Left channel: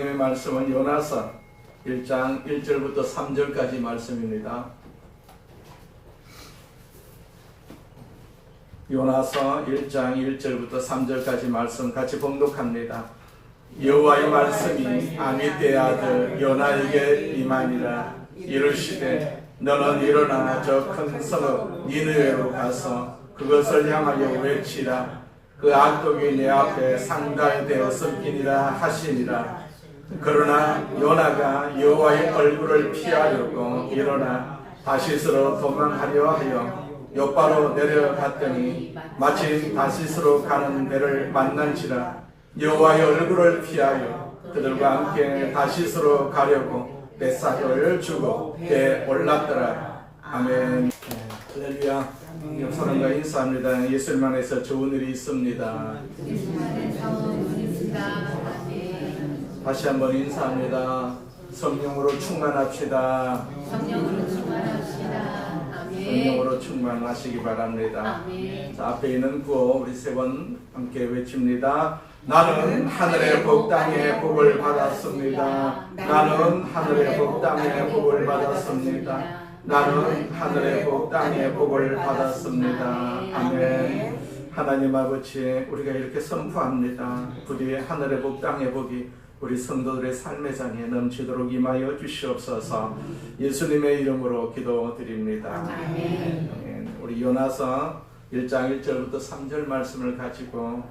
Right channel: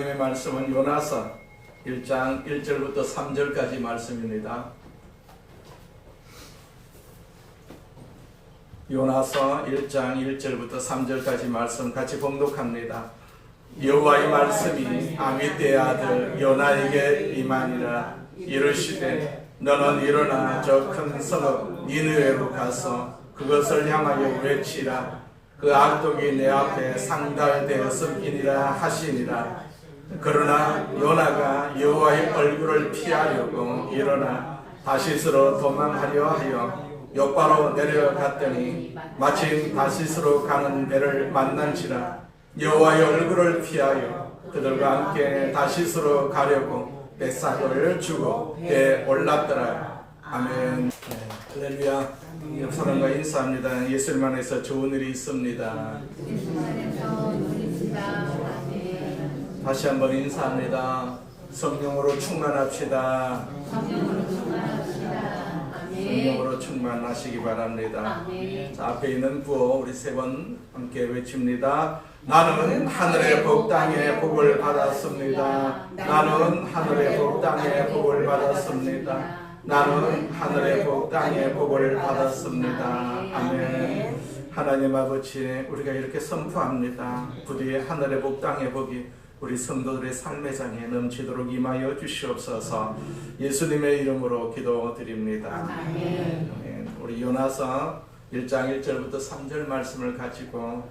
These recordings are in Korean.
하나님의 말씀은 요나서 1장 1절부터 3절까지 말씀입니다. 요나서 1장 1절부터 3절까지 말씀 같이 봉독합니다. 여호와의 말씀이 아미떼의 아들 요나에게 임하니라. 이르시되 너는 일어나 저 큰 성읍 니느웨로 가서 그것을 향하여 외치라. 그 악독이 내 앞에 상달되었음이니라 하시니라. 그러나 요나가 여호와의 얼굴을 피하려고 일어나 다시스로 도망하려 하여 욥바로 내려갔더니 마침 다시스로 가는 배를 만난지라. 여호와의 얼굴을 피하여 그들과 함께 다시스로 가려고 뱃사를 주고 배에 올랐더라. 아멘. 할렐루야. 옆 사람과 인사합니다. 예수님 안에서 좋은 일이 있습니다. 다시 한번 인사합니다. 성령으로 충만합시다. 성령으로 충만하시기 바랍니다. 자, 앞에 있는 구호 우리 세 번 함께 외칩니다. 나는 하늘의 복 땅의 복을 받았습니다. 나는 하늘의 복 땅의 복을 받았습니다. 나는 하늘의 복 땅의 복을 받았습니다. 아멘. 하나님 아버지, 우리가 이렇게 선포합니다. 부디 하늘의 복 땅의 복이 우리 성도들의 삶의 장에 넘치도록 임하여 주시옵소서. 예수님의 이름으로 기도드립니다. 아멘. 우리 요나서 1장 1절부터 3절 말씀을 가지고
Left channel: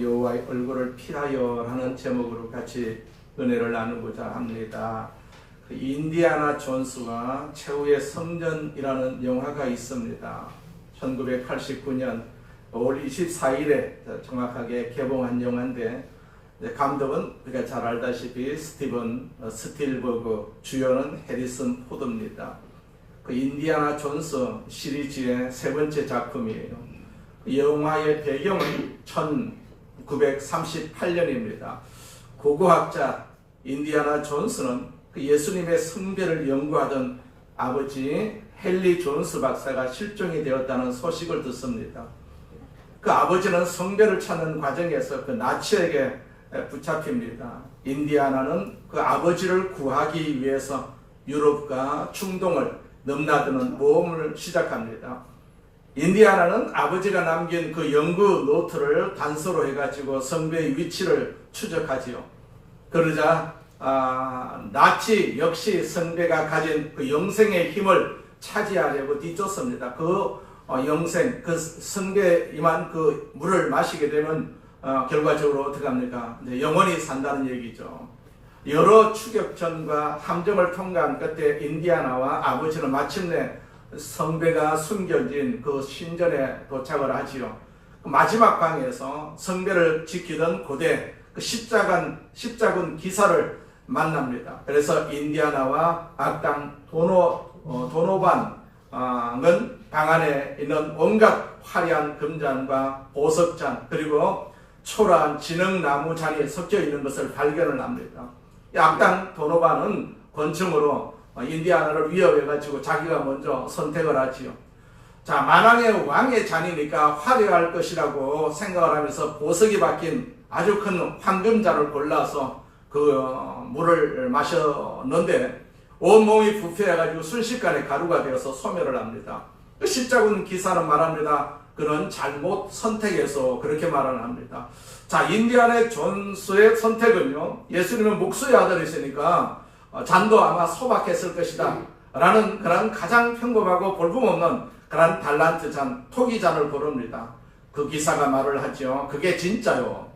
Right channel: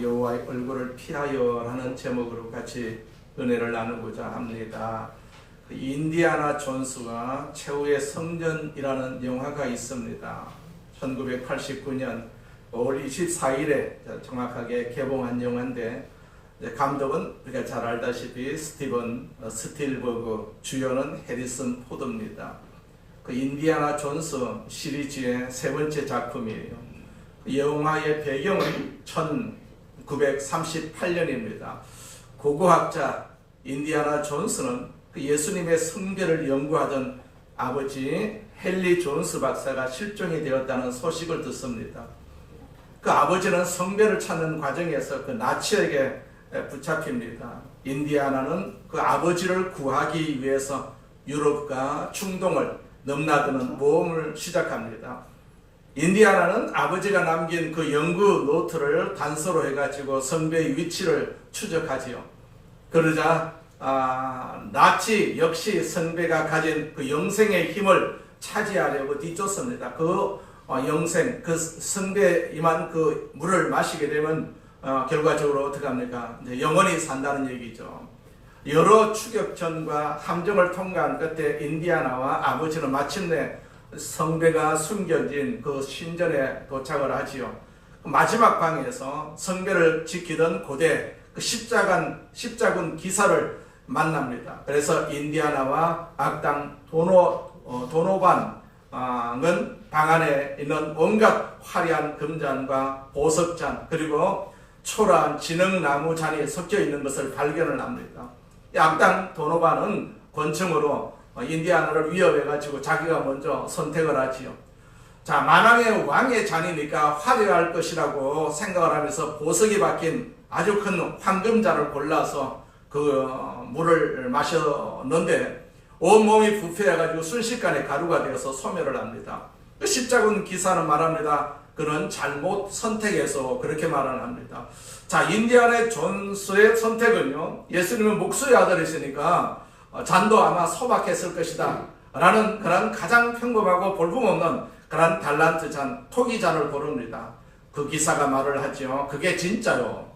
여호와의 얼굴을 피하여 라는 제목으로 같이 은혜를 나누고자 합니다. 인디아나 존스가 최후의 성전이라는 영화가 있습니다. 1989년 5월 24일에 정확하게 개봉한 영화인데, 감독은 우리가 잘 알다시피 스티븐 스틸버그, 주연은 해리슨 포드입니다. 그 인디아나 존스 시리즈의 세 번째 작품이에요. 영화의 배경은 1938년입니다. 고고학자 인디아나 존스는 그 예수님의 성배를 연구하던 아버지 헨리 존스 박사가 실종이 되었다는 소식을 듣습니다. 그 아버지는 성배를 찾는 과정에서 그 나치에게 붙잡힙니다. 인디아나는 그 아버지를 구하기 위해서 유럽과 중동을 넘나드는 모험을 시작합니다. 인디아나는 아버지가 남긴 그 연구 노트를 단서로 해가지고 성배의 위치를 추적하지요. 그러자 나치 역시 성배가 가진 그 영생의 힘을 차지하려고 뒤쫓습니다. 그 영생, 그 성배에 임한 그 물을 마시게 되면 결과적으로 어떻게 합니까? 이제 영원히 산다는 얘기죠. 여러 추격전과 함정을 통과한 끝에 인디아나와 아버지는 마침내 성배가 숨겨진 그 신전에 도착을 하지요. 마지막 방에서 성배를 지키던 고대 그 십자군 기사를 만납니다. 그래서 인디아나와 악당 도노반은 방 안에 있는 온갖 화려한 금잔과 보석잔 그리고 초라한 진흙나무 잔이 섞여 있는 것을 발견을 합니다. 악당 도노반은 권총으로 인디아나를 위협해가지고 자기가 먼저 선택을 하지요. 자, 만왕의 왕의 잔이니까 화려할 것이라고 생각을 하면서 보석이 박힌 아주 큰 황금잔을 골라서 그 물을 마셨는데 온몸이 부패해가지고 순식간에 가루가 되어서 소멸을 합니다. 그 십자군 기사는 말합니다. 그는 잘못 선택해서 그렇게 말을 합니다. 자, 인디아나 존스의 선택은요, 예수님은 목수의 아들이시니까 잔도 아마 소박했을 것이다 라는 그런 가장 평범하고 볼품없는 그런 달란트 잔, 토기 잔을 고릅니다. 그 기사가 말을 하죠. 그게 진짜요.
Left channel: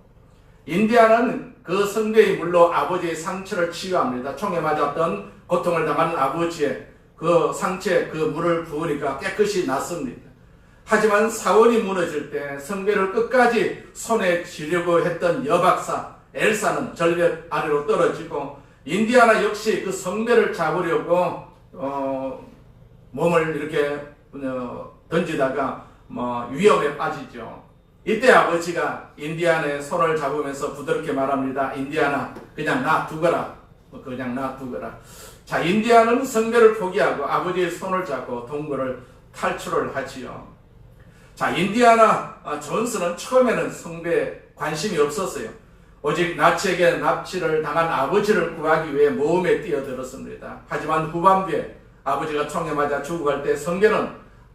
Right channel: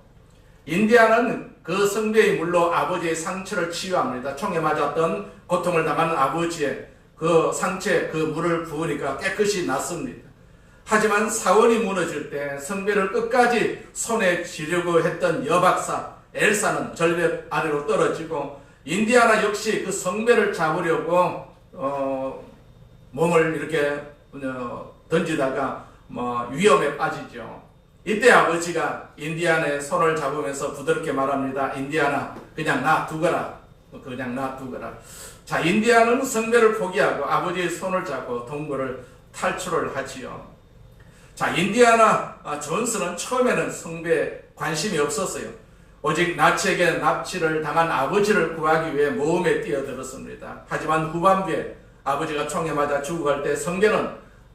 인디아나는 그 성배의 물로 아버지의 상처를 치유합니다. 총에 맞았던 고통을 당하는 아버지의 그 상처에 그 물을 부으니까 깨끗이 낫습니다. 하지만 사원이 무너질 때 성배를 끝까지 손에 쥐려고 했던 여박사 엘사는 절벽 아래로 떨어지고, 인디아나 역시 그 성배를 잡으려고 몸을 이렇게 던지다가 위험에 빠지죠. 이때 아버지가 인디아나의 손을 잡으면서 부드럽게 말합니다. 인디아나, 그냥 놔두거라. 자, 인디아나는 성배를 포기하고 아버지의 손을 잡고 동굴을 탈출을 하지요. 자, 인디아나 존스는 처음에는 성배에 관심이 없었어요. 오직 나치에게 납치를 당한 아버지를 구하기 위해 모험에 뛰어들었습니다. 하지만 후반부에 아버지가 총에 맞아 죽어갈 때 성경은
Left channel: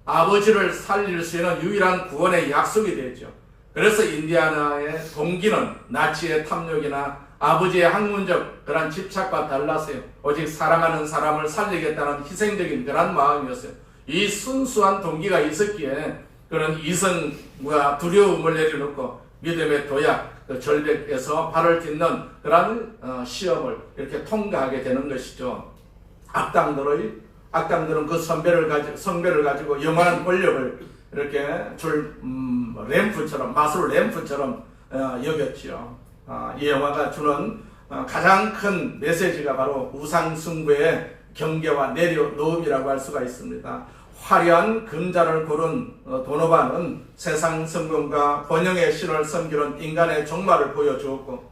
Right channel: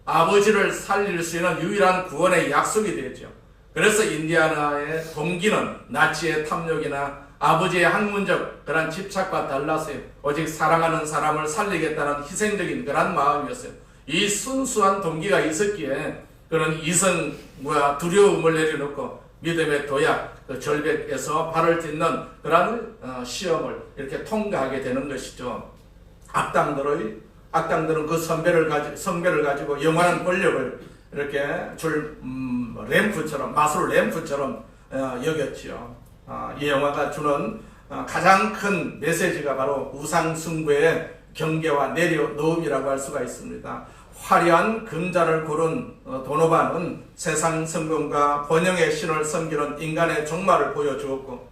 아버지를 살릴 수 있는 유일한 구원의 약속이 되죠. 그래서 인디아나의 동기는 나치의 탐욕이나 아버지의 학문적 그런 집착과 달라서요. 오직 사랑하는 사람을 살리겠다는 희생적인 그런 마음이었어요. 이 순수한 동기가 있었기에 그런 이성과 두려움을 내려놓고 믿음의 도약, 그 절벽에서 발을 딛는 그런 시험을 이렇게 통과하게 되는 것이죠. 악당들은 그 성배를 가지고 영원한 권력을 이렇게 램프처럼, 마술 램프처럼 여겼지요. 이 영화가 주는 가장 큰 메시지가 바로 우상숭배의 경계와 내려놓음이라고 할 수가 있습니다. 화려한 금자를 고른 도노바는 세상 성공과 번영의 신을 섬기는 인간의 종말을 보여주었고,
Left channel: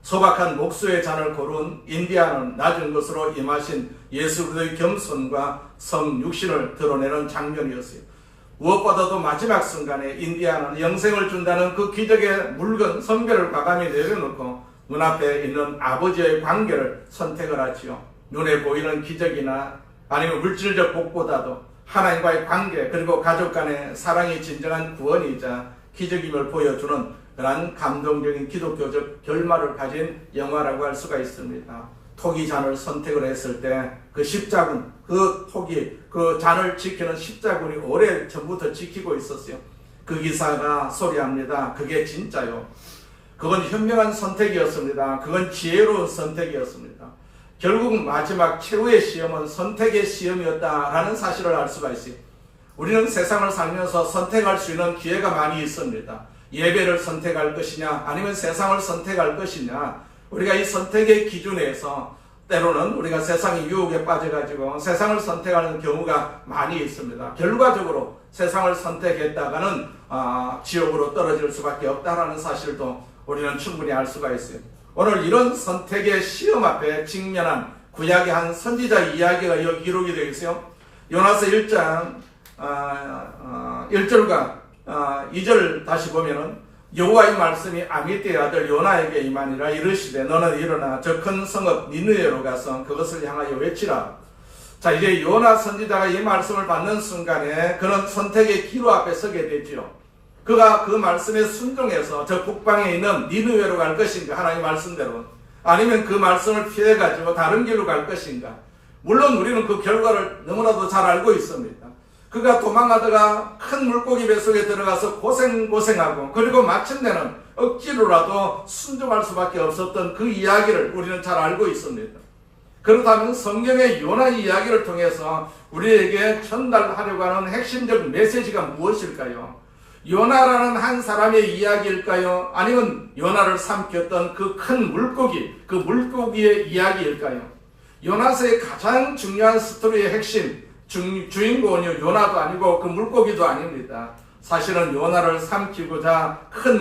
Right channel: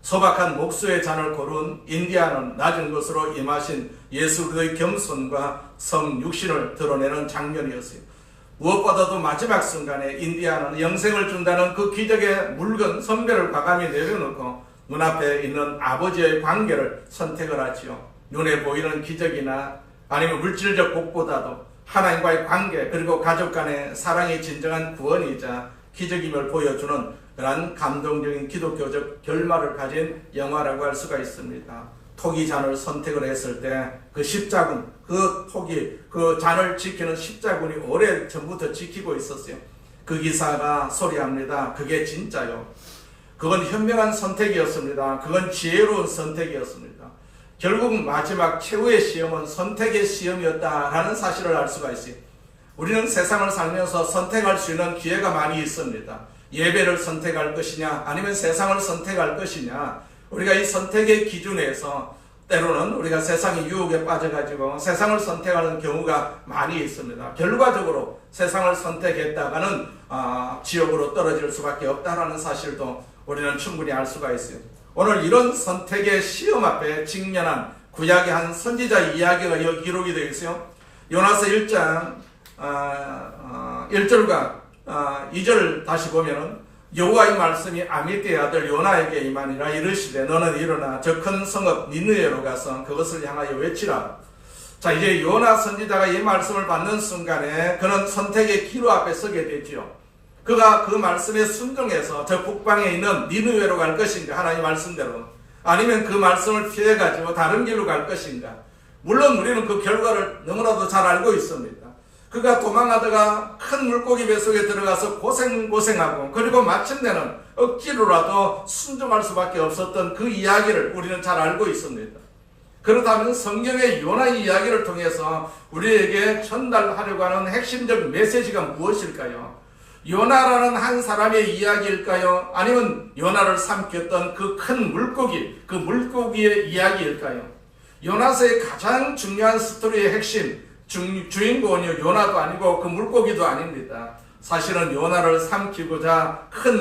소박한 목수의 잔을 고른 인디아는 낮은 것으로 임하신 예수 그리스도의 겸손과 성육신을 드러내는 장면이었어요. 무엇보다도 마지막 순간에 인디아는 영생을 준다는 그 기적의 묽은 선배를 과감히 내려놓고 눈앞에 있는 아버지의 관계를 선택을 하지요. 눈에 보이는 기적이나 아니면 물질적 복보다도 하나님과의 관계, 그리고 가족 간의 사랑이 진정한 구원이자 기적임을 보여주는 그런 감동적인 기독교적 결말을 가진 영화라고 할 수가 있습니다. 토기 잔을 선택을 했을 때 그 십자군, 그 잔을 지키는 십자군이 오래 전부터 지키고 있었어요. 그 기사가 소리합니다. 그게 진짜요. 그건 현명한 선택이었습니다. 그건 지혜로운 선택이었습니다. 결국 마지막 최후의 시험은 선택의 시험이었다라는 사실을 알 수가 있어요. 우리는 세상을 살면서 선택할 수 있는 기회가 많이 있습니다. 예배를 선택할 것이냐, 아니면 세상을 선택할 것이냐. 우리가 이 선택의 기준에서 때로는 우리가 세상의 유혹에 빠져가지고 세상을 선택하는 경우가 많이 있습니다. 결과적으로 세상을 선택했다가는 지옥으로 떨어질 수밖에 없다라는 사실도 우리는 충분히 알 수가 있어요. 오늘 이런 선택의 시험 앞에 직면한 구약의 한 선지자 이야기가 여기 기록이 되어 있어요. 요나서 1장 1절과 2절 다시 보면은 여호와의 말씀이 아미떼의 아들 요나에게 임하니라. 이르시되 너는 일어나 저 큰 성읍 니느웨로 가서 그것을 향하여 외치라. 자, 이제 요나 선지자가 이 말씀을 받는 순간에 그는 선택의 기로 앞에 서게 되지요. 그가 그 말씀에 순종해서 저 북방에 있는 니느웨로 갈 것인가, 하나님 말씀대로, 아니면 그 말씀을 피해가지고 다른 길로 갈 것인가. 물론 우리는 그 결과를 너무나도 잘 알고 있습니다. 그가 도망하다가 큰 물고기 뱃속에 들어가서 고생하고, 그리고 마침내는 억지로라도 순종할 수밖에 없었던 그 이야기를 우리는 잘 알고 있습니다. 그렇다면 성경의 요나 이야기를 통해서 우리에게 전달하려고 하는 핵심적 메시지가 무엇일까요? 요나라는 한 사람의 이야기일까요? 아니면 요나를 삼켰던 그 큰 물고기, 그 물고기의 이야기일까요? 요나서의 가장 중요한 스토리의 핵심, 주인공은 요나도 아니고 그 물고기도 아닙니다. 사실은 요나를 삼키고자 큰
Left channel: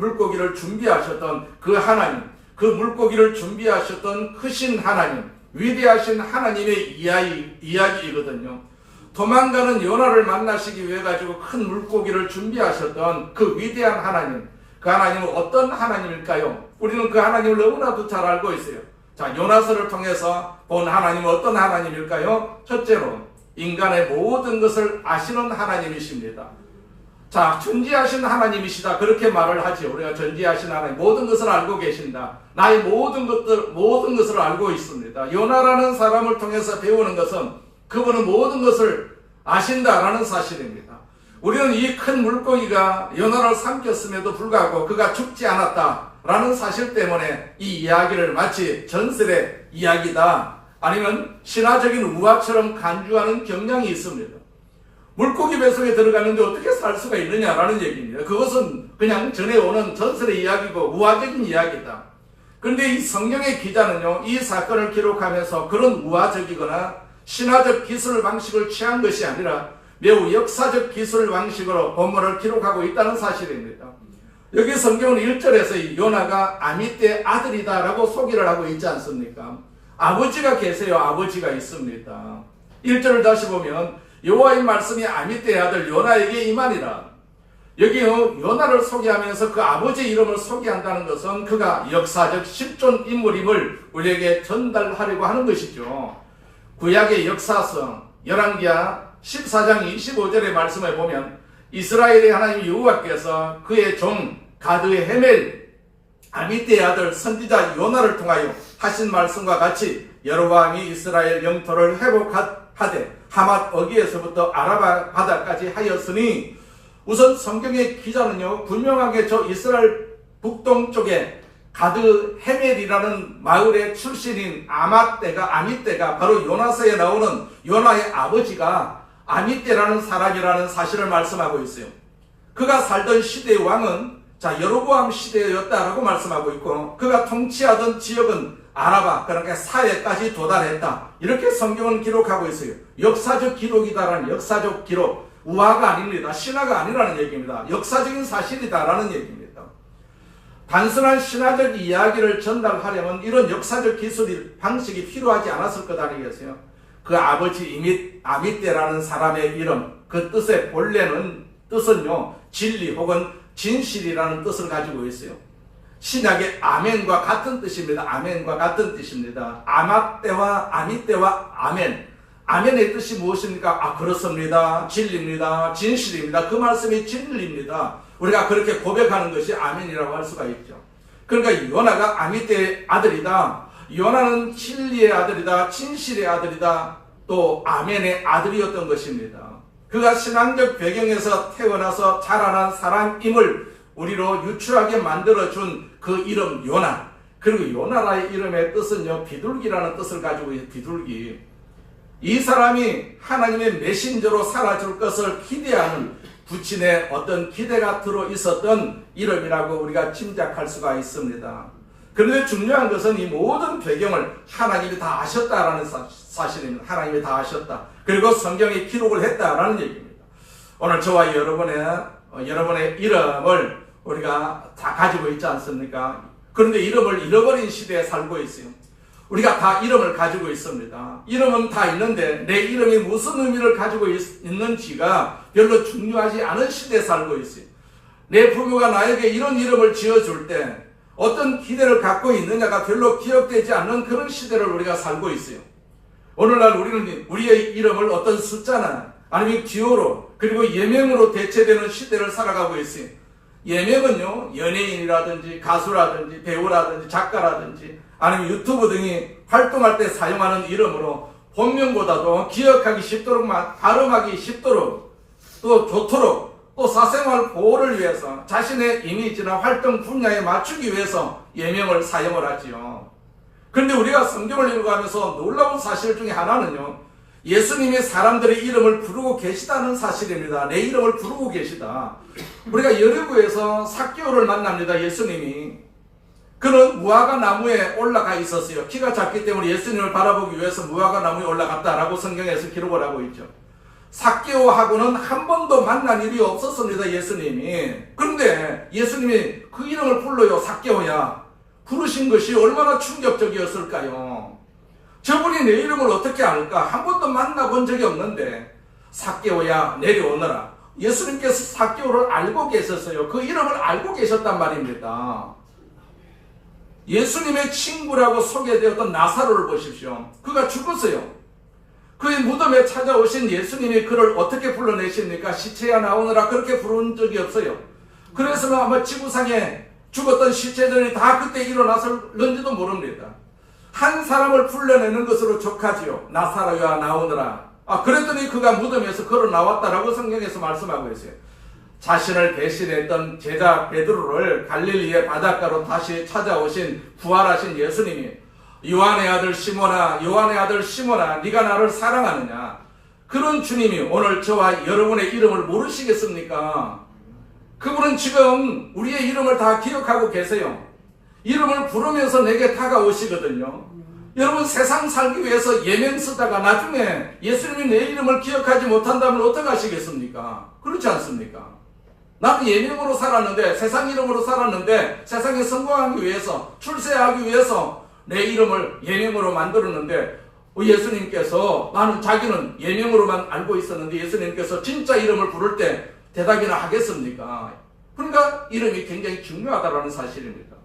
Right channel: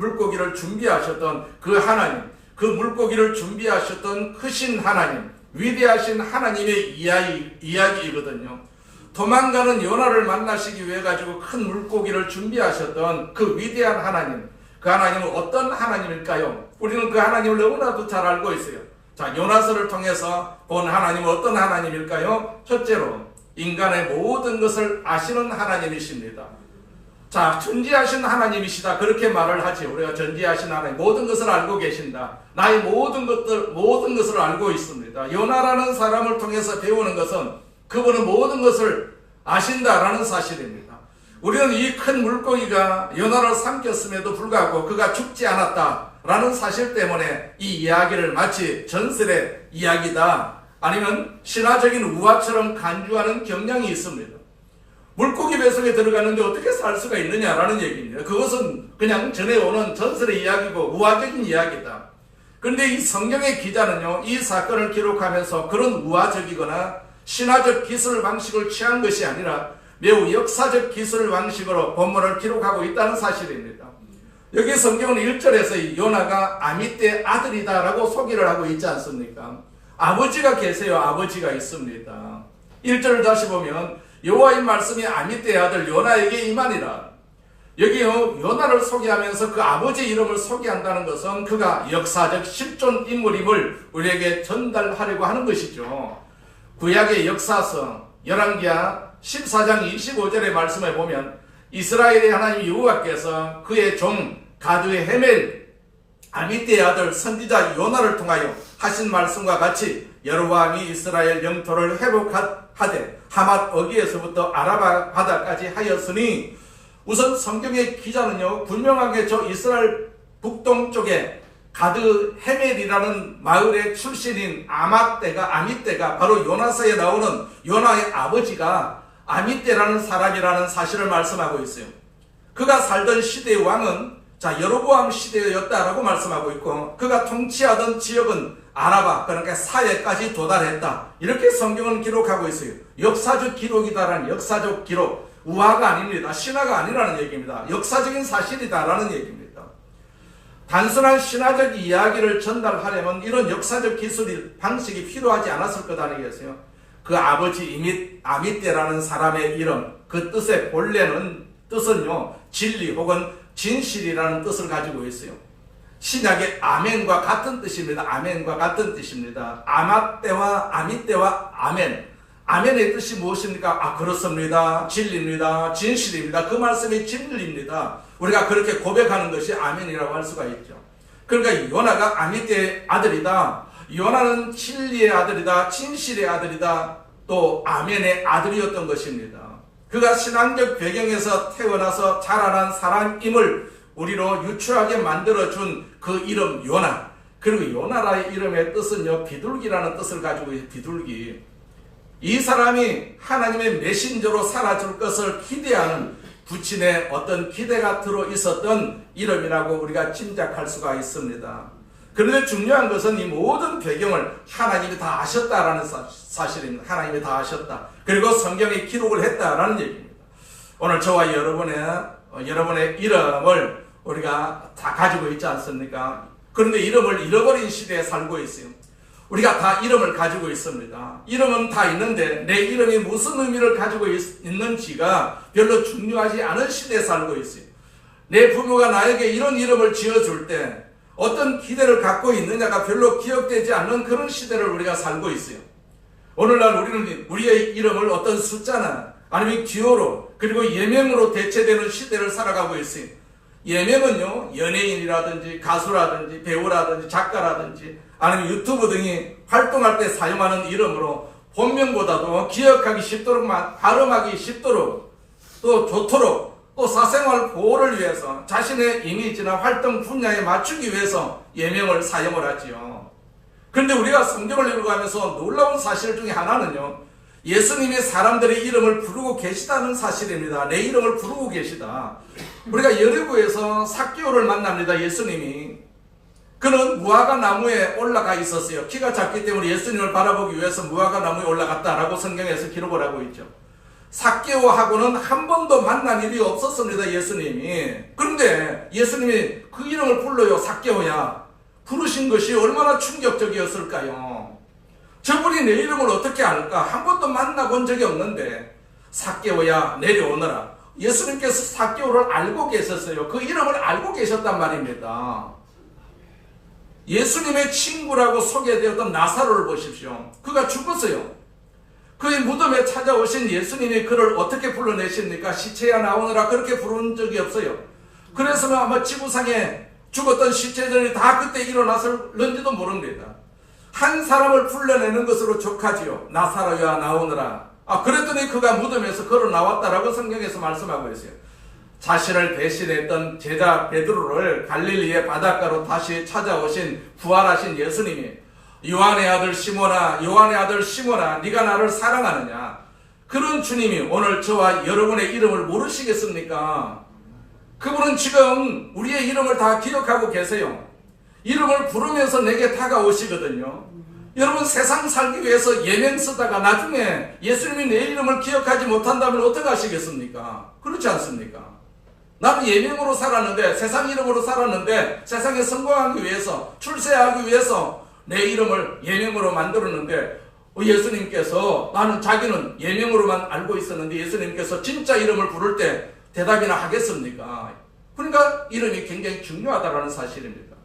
물고기를 준비하셨던 그 하나님, 그 물고기를 준비하셨던 크신 하나님, 위대하신 하나님의 이야기이거든요. 도망가는 요나를 만나시기 위해 가지고 큰 물고기를 준비하셨던 그 위대한 하나님, 그 하나님은 어떤 하나님일까요? 우리는 그 하나님을 너무나도 잘 알고 있어요. 자, 요나서를 통해서 본 하나님은 어떤 하나님일까요? 첫째로 인간의 모든 것을 아시는 하나님이십니다. 자, 전지하신 하나님이시다, 그렇게 말을 하죠. 우리가 전지하신 하나님, 모든 것을 알고 계신다. 나의 모든 것을 알고 있습니다. 요나라는 사람을 통해서 배우는 것은 그분은 모든 것을 아신다라는 사실입니다. 우리는 이 큰 물고기가 요나를 삼켰음에도 불구하고 그가 죽지 않았다라는 사실 때문에 이 이야기를 마치 전설의 이야기다, 아니면 신화적인 우화처럼 간주하는 경향이 있습니다. 물고기 뱃속에 들어가는데 어떻게 살 수가 있느냐라는 얘기입니다. 그것은 그냥 전해오는 전설의 이야기고 우화적인 이야기다. 그런데 이 성경의 기자는요, 이 사건을 기록하면서 그런 우화적이거나 신화적 기술 방식을 취한 것이 아니라 매우 역사적 기술 방식으로 본문을 기록하고 있다는 사실입니다. 여기 성경은 1절에서 요나가 아미떼 아들이다라고 소개를 하고 있지 않습니까? 아버지가 계세요. 아버지가 있습니다. 1절을 다시 보면 여호와의 말씀이 아미떼의 아들 요나에게 임하니라. 여기요, 요나를 소개하면서 그 아버지 이름을 소개한다는 것은 그가 역사적 실존 인물임을 우리에게 전달하려고 하는 것이죠. 구약의 역사성 열왕기하 14장 25절의 말씀에 보면 이스라엘의 하나님 여호와께서 그의 종 가드의 헤멜 아미떼의 아들 선지자 요나를 통하여 하신 말씀과 같이 여로보암이 이스라엘 영토를 회복하되 하맛 어귀에서부터 아라바 바다까지 하였으니, 우선 성경의 기자는요 분명하게 저 이스라엘 북동쪽에 가드 헤멜이라는 마을의 출신인 아미떼가 바로 요나서에 나오는 요나의 아버지가 아미떼라는 사람이라는 사실을 말씀하고 있어요. 그가 살던 시대의 왕은 여로보암 시대였다라고 말씀하고 있고, 그가 통치하던 지역은 아라바, 그러니까 사해까지 도달했다, 이렇게 성경은 기록하고 있어요. 역사적 기록이다라는, 역사적 기록, 우화가 아닙니다. 신화가 아니라는 얘기입니다. 역사적인 사실이다라는 얘기입니다. 단순한 신화적 이야기를 전달하려면 이런 역사적 기술 방식이 필요하지 않았을 거다는 얘기였어요. 그 아버지 아미떼라는 사람의 이름, 그 뜻의 본래는 뜻은요 진리 혹은 진실이라는 뜻을 가지고 있어요. 신약의 아멘과 같은 뜻입니다. 아멘과 같은 뜻입니다. 아미떼와 아멘. 아멘의 뜻이 무엇입니까? 그렇습니다. 진리입니다. 진실입니다. 그 말씀이 진리입니다. 우리가 그렇게 고백하는 것이 아멘이라고 할 수가 있죠. 그러니까 요나가 아미떼의 아들이다. 요나는 진리의 아들이다. 진실의 아들이다. 또 아멘의 아들이었던 것입니다. 그가 신앙적 배경에서 태어나서 자라난 사람임을 우리로 유추하게 만들어준 그 이름 요나. 그리고 요나라의 이름의 뜻은요 비둘기라는 뜻을 가지고 있어요. 비둘기. 이 사람이 하나님의 메신저로 살아줄 것을 기대하는 부친의 어떤 기대가 들어 있었던 이름이라고 우리가 짐작할 수가 있습니다. 그런데 중요한 것은 이 모든 배경을 하나님이 다 아셨다라는 사실입니다. 하나님이 다 아셨다. 그리고 성경에 기록을 했다라는 얘기입니다. 오늘 저와 여러분의 이름을 우리가 다 가지고 있지 않습니까? 그런데 이름을 잃어버린 시대에 살고 있어요. 우리가 다 이름을 가지고 있습니다. 이름은 다 있는데 내 이름이 무슨 의미를 가지고 있는지가 별로 중요하지 않은 시대에 살고 있어요. 내 부모가 나에게 이런 이름을 지어줄 때 어떤 기대를 갖고 있느냐가 별로 기억되지 않는 그런 시대를 우리가 살고 있어요. 오늘날 우리는 우리의 이름을 어떤 숫자나 아니면 기호로 그리고 예명으로 대체되는 시대를 살아가고 있어요. 예명은요 연예인이라든지 가수라든지 배우라든지 작가라든지 아니면 유튜브 등이 활동할 때 사용하는 이름으로 본명보다도 기억하기 쉽도록 발음하기 쉽도록 또 좋도록 또 사생활 보호를 위해서 자신의 이미지나 활동 분야에 맞추기 위해서 예명을 사용을 하지요. 그런데 우리가 성경을 읽어가면서 놀라운 사실 중에 하나는요 예수님이 사람들의 이름을 부르고 계시다는 사실입니다. 내 이름을 부르고 계시다. 우리가 여리고에서 삭개오를 만납니다. 예수님이. 그는 무화과 나무에 올라가 있었어요. 키가 작기 때문에 예수님을 바라보기 위해서 무화과 나무에 올라갔다라고 성경에서 기록을 하고 있죠. 삭개오하고는 한 번도 만난 일이 없었습니다. 예수님이. 그런데 예수님이 그 이름을 불러요. 삭개오야. 부르신 것이 얼마나 충격적이었을까요? 저분이 내 이름을 어떻게 알까? 한 번도 만나본 적이 없는데 삭개오야 내려오너라. 예수님께서 삭개오를 알고 계셨어요. 그 이름을 알고 계셨단 말입니다. 예수님의 친구라고 소개되었던 나사로를 보십시오. 그가 죽었어요. 그의 무덤에 찾아오신 예수님이 그를 어떻게 불러내십니까? 시체야 나오느라 그렇게 부른 적이 없어요. 그래서 아마 지구상에 죽었던 시체들이 다 그때 일어났을는지도 모릅니다. 한 사람을 불러내는 것으로 족하지요. 나사로야 나오느라. 그랬더니 그가 무덤에서 걸어 나왔다라고 성경에서 말씀하고 있어요. 자신을 배신했던 제자 베드로를 갈릴리의 바닷가로 다시 찾아오신 부활하신 예수님이 요한의 아들 시몬아 네가 나를 사랑하느냐. 그런 주님이 오늘 저와 여러분의 이름을 모르시겠습니까? 그분은 지금 우리의 이름을 다 기억하고 계세요. 이름을 부르면서 내게 다가오시거든요. 여러분 세상 살기 위해서 예명 쓰다가 나중에 예수님이 내 이름을 기억하지 못한다면 어떻게 하시겠습니까? 그렇지 않습니까? 나는 예명으로 살았는데 세상 이름으로 살았는데 세상에 성공하기 위해서 출세하기 위해서 내 이름을 예명으로 만들었는데 예수님께서 나는 자기는 예명으로만 알고 있었는데 예수님께서 진짜 이름을 부를 때 대답이나 하겠습니까? 그러니까 이름이 굉장히 중요하다는 사실입니다.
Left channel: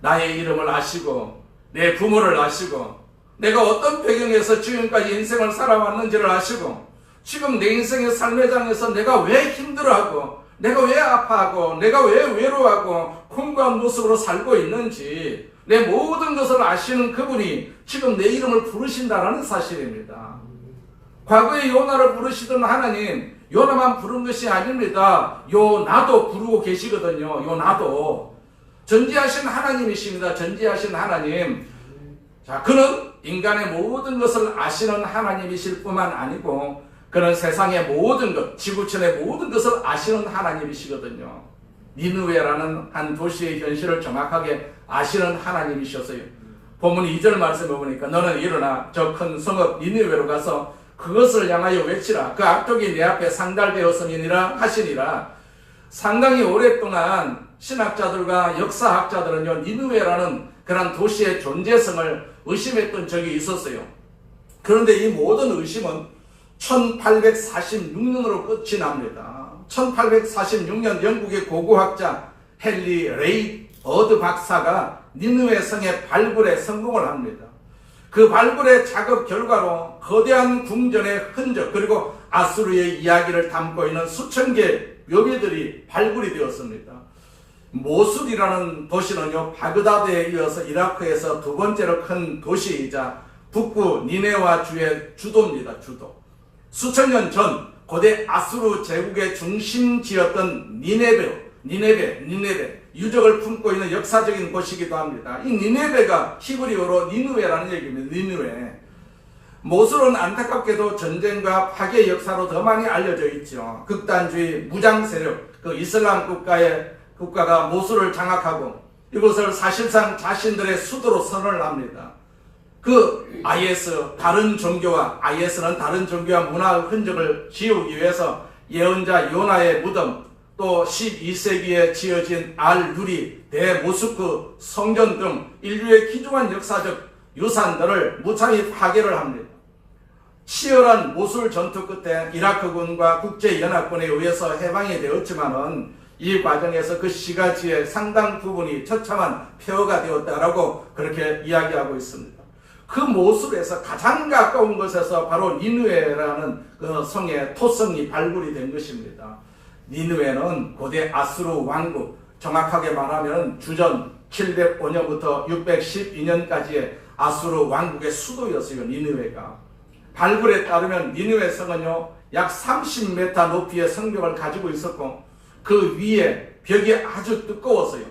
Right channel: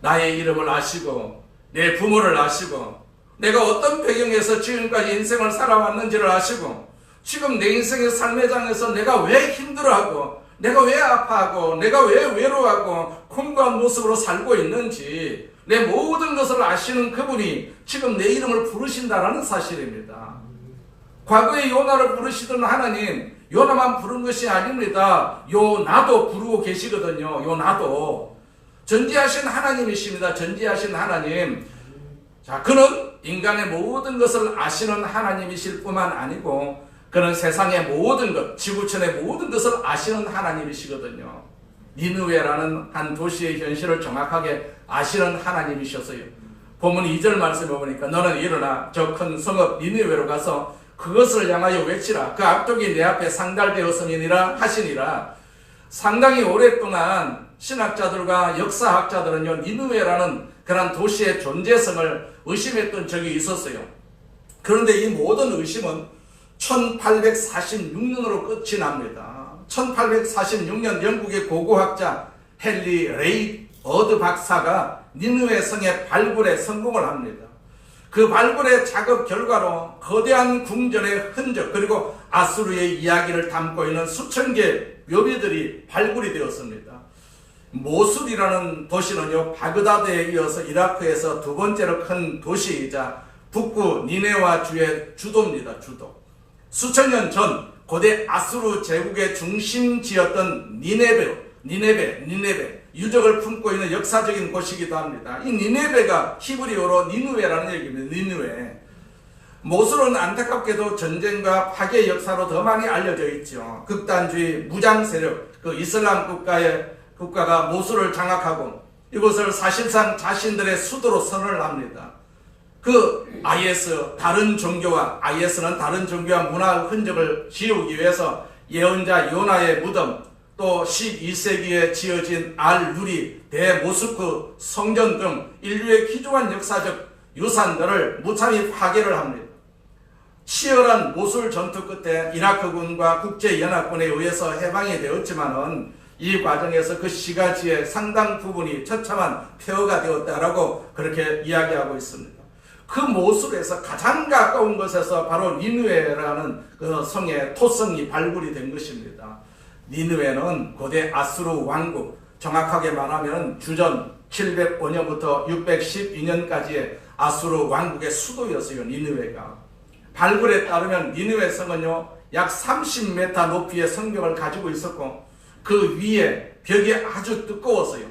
나의 이름을 아시고 내 부모를 아시고 내가 어떤 배경에서 지금까지 인생을 살아왔는지를 아시고 지금 내 인생의 삶의 장에서 내가 왜 힘들어하고 내가 왜 아파하고 내가 왜 외로워하고 공고한 모습으로 살고 있는지 내 모든 것을 아시는 그분이 지금 내 이름을 부르신다는 사실입니다. 과거에 요나를 부르시던 하나님, 요나만 부른 것이 아닙니다. 요나도 부르고 계시거든요. 요나도. 전지하신 하나님이십니다. 전지하신 하나님. 자, 그는 인간의 모든 것을 아시는 하나님이실 뿐만 아니고 그는 세상의 모든 것, 지구촌의 모든 것을 아시는 하나님이시거든요. 니느웨라는 한 도시의 현실을 정확하게 아시는 하나님이셔서요. 본문 2절 말씀에 보니까 너는 일어나 저 큰 성읍 니느웨로 가서 그것을 향하여 외치라. 그 악독이 내 앞에 상달되었음이니라 하시니라. 상당히 오랫동안 신학자들과 역사학자들은요, 니느웨라는 그런 도시의 존재성을 의심했던 적이 있었어요. 그런데 이 모든 의심은 1846년으로 끝이 납니다. 1846년 영국의 고고학자 헨리 레이 어드 박사가 니느웨 성의 발굴에 성공을 합니다. 그 발굴의 작업 결과로 거대한 궁전의 흔적 그리고 아수르의 이야기를 담고 있는 수천 개의 묘비들이 발굴이 되었습니다. 모술이라는 도시는요, 바그다드에 이어서 이라크에서 두 번째로 큰 도시이자 북부 니네와 주의 주도입니다. 주도. 수천 년 전 고대 아수르 제국의 중심지였던 니네베 유적을 품고 있는 역사적인 곳이기도 합니다. 이 니네베가 히브리어로 니느웨라는 얘기입니다. 니느웨. 모술은 안타깝게도 전쟁과 파괴 역사로 더 많이 알려져 있죠. 극단주의 무장 세력, 그 이슬람 국가가 모술을 장악하고 이것을 사실상 자신들의 수도로 선언을 합니다. 그 IS는 다른 종교와 문화 흔적을 지우기 위해서 예언자 요나의 무덤, 또 12세기에 지어진 알-누리, 대모스크 성전 등 인류의 귀중한 역사적 유산들을 무참히 파괴를 합니다. 치열한 모술 전투 끝에 이라크군과 국제연합군에 의해서 해방이 되었지만은 이 과정에서 그 시가지의 상당 부분이 처참한 폐허가 되었다라고 그렇게 이야기하고 있습니다. 그 모술에서 가장 가까운 곳에서 바로 니느웨라는 그 성의 토성이 발굴이 된 것입니다. 니느웨는 고대 아수르 왕국, 정확하게 말하면 주전 705년부터 612년까지의 아수르 왕국의 수도였어요. 니느웨가. 발굴에 따르면 니느웨 성은요, 약 30m 높이의 성벽을 가지고 있었고 그 위에 벽이 아주 두꺼웠어요.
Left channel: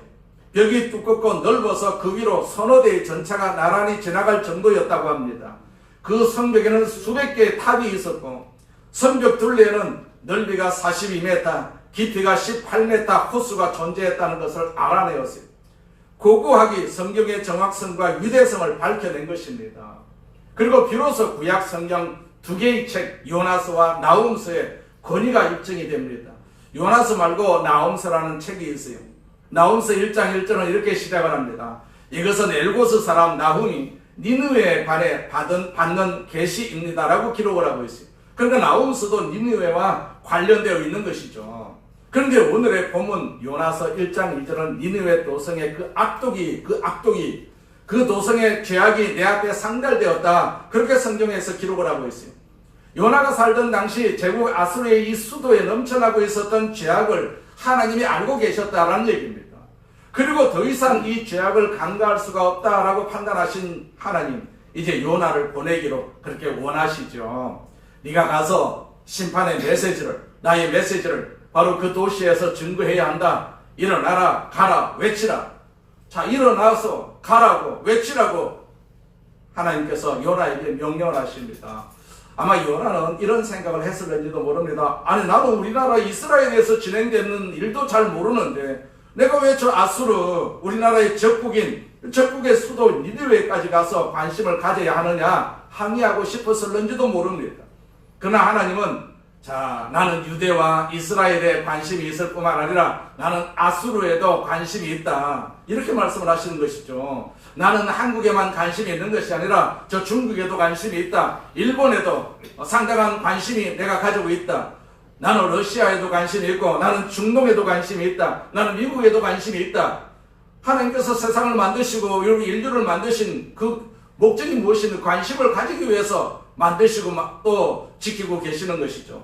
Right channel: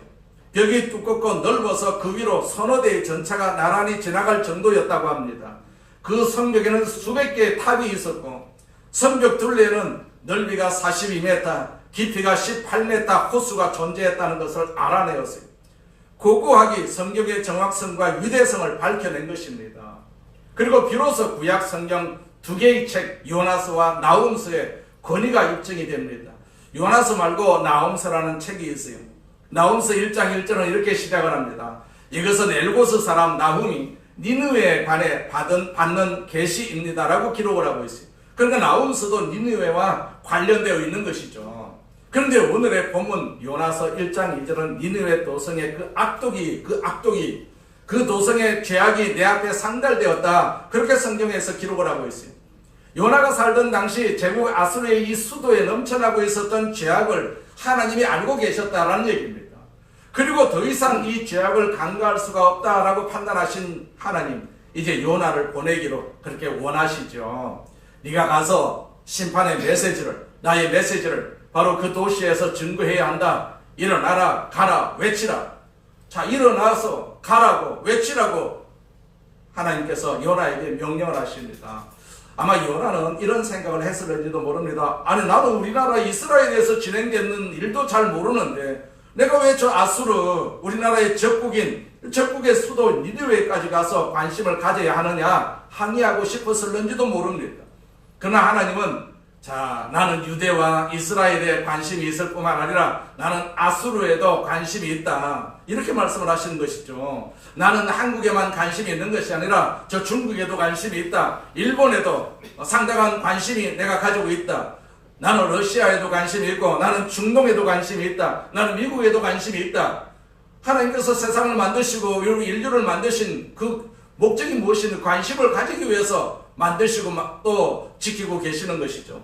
벽이 두껍고 넓어서 그 위로 서너 대의 전차가 나란히 지나갈 정도였다고 합니다. 그 성벽에는 수백 개의 탑이 있었고 성벽 둘레에는 넓이가 42m, 깊이가 18m 호수가 존재했다는 것을 알아내었어요. 고고학이 성경의 정확성과 위대성을 밝혀낸 것입니다. 그리고 비로소 구약 성경 두 개의 책 요나서와 나훔서의 권위가 입증이 됩니다. 요나서 말고 나훔서라는 책이 있어요. 나훔서 1장 1절은 이렇게 시작을 합니다. 이것은 엘고스 사람 나훔이 니느웨에 관해 받는 계시입니다라고 기록을 하고 있어요. 그러니까 나훔서도 니느웨와 관련되어 있는 것이죠. 그런데 오늘의 본문 요나서 1장 2절은 니느웨 도성의 그 도성의 죄악이 내 앞에 상달되었다. 그렇게 성경에서 기록을 하고 있어요. 요나가 살던 당시 제국 아수르의 이 수도에 넘쳐나고 있었던 죄악을 하나님이 알고 계셨다라는 얘기입니다. 그리고 더 이상 이 죄악을 간과할 수가 없다라고 판단하신 하나님, 이제 요나를 보내기로 그렇게 원하시죠. 네가 가서 심판의 나의 메시지를 바로 그 도시에서 증거해야 한다. 일어나라, 가라, 외치라. 자, 일어나서 가라고 외치라고 하나님께서 요나에게 명령을 하십니다. 아마 요나는 이런 생각을 했을는지도 모릅니다. 아니, 나는 우리나라 이스라엘에서 진행되는 일도 잘 모르는데 내가 왜 저 아수르, 우리나라의 적국의 수도 니느웨까지 가서 관심을 가져야 하느냐 항의하고 싶었을는지도 모릅니다. 그러나 하나님은 자, 나는 유대와 이스라엘에 관심이 있을 뿐만 아니라 나는 아수르에도 관심이 있다. 이렇게 말씀을 하시는 것이죠. 나는 한국에만 관심이 있는 것이 아니라 저 중국에도 관심이 있다. 일본에도 상당한 관심이 내가 가지고 있다. 나는 러시아에도 관심이 있고 나는 중동에도 관심이 있다. 나는 미국에도 관심이 있다. 하나님께서 세상을 만드시고 인류를 만드신 그 목적이 무엇인지 관심을 가지기 위해서 만드시고 또 지키고 계시는 것이죠.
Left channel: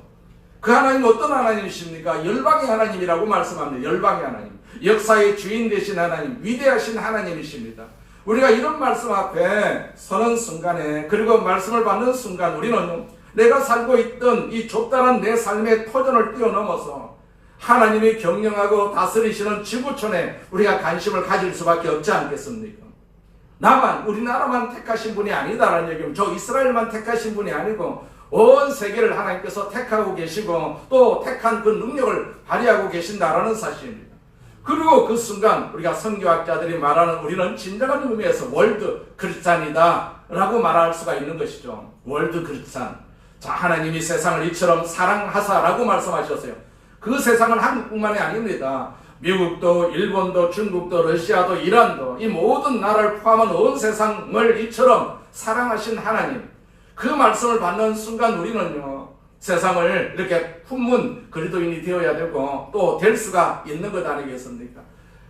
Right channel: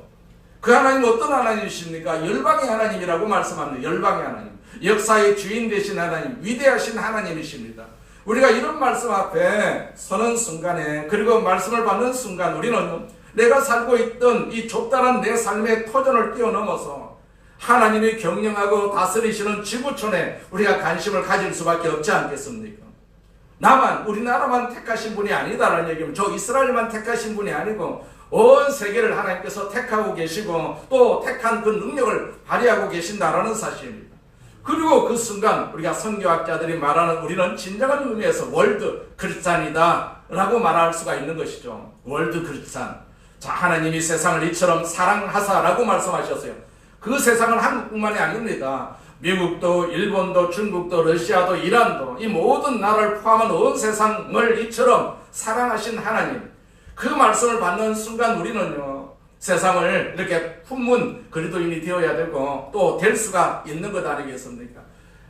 그 하나님은 어떤 하나님이십니까? 열방의 하나님이라고 말씀합니다. 열방의 하나님. 역사의 주인 되신 하나님, 위대하신 하나님이십니다. 우리가 이런 말씀 앞에 서는 순간에, 그리고 말씀을 받는 순간 우리는 내가 살고 있던 이 좁다란 내 삶의 터전을 뛰어넘어서 하나님이 경영하고 다스리시는 지구촌에 우리가 관심을 가질 수밖에 없지 않겠습니까? 우리나라만 택하신 분이 아니다라는 얘기면 저 이스라엘만 택하신 분이 아니고 온 세계를 하나님께서 택하고 계시고 또 택한 그 능력을 발휘하고 계신다라는 사실입니다. 그리고 그 순간 우리가 선교학자들이 말하는 우리는 진정한 의미에서 월드 크리스찬이다 라고 말할 수가 있는 것이죠. 월드 크리스찬. 자, 하나님이 세상을 이처럼 사랑하사라고 말씀하셨어요. 그 세상은 한국뿐만이 아닙니다. 미국도 일본도 중국도 러시아도 이란도 이 모든 나라를 포함한 온 세상을 이처럼 사랑하신 하나님, 그 말씀을 받는 순간 우리는요 세상을 이렇게 품은 그리스도인이 되어야 되고 또 될 수가 있는 것 아니겠습니까?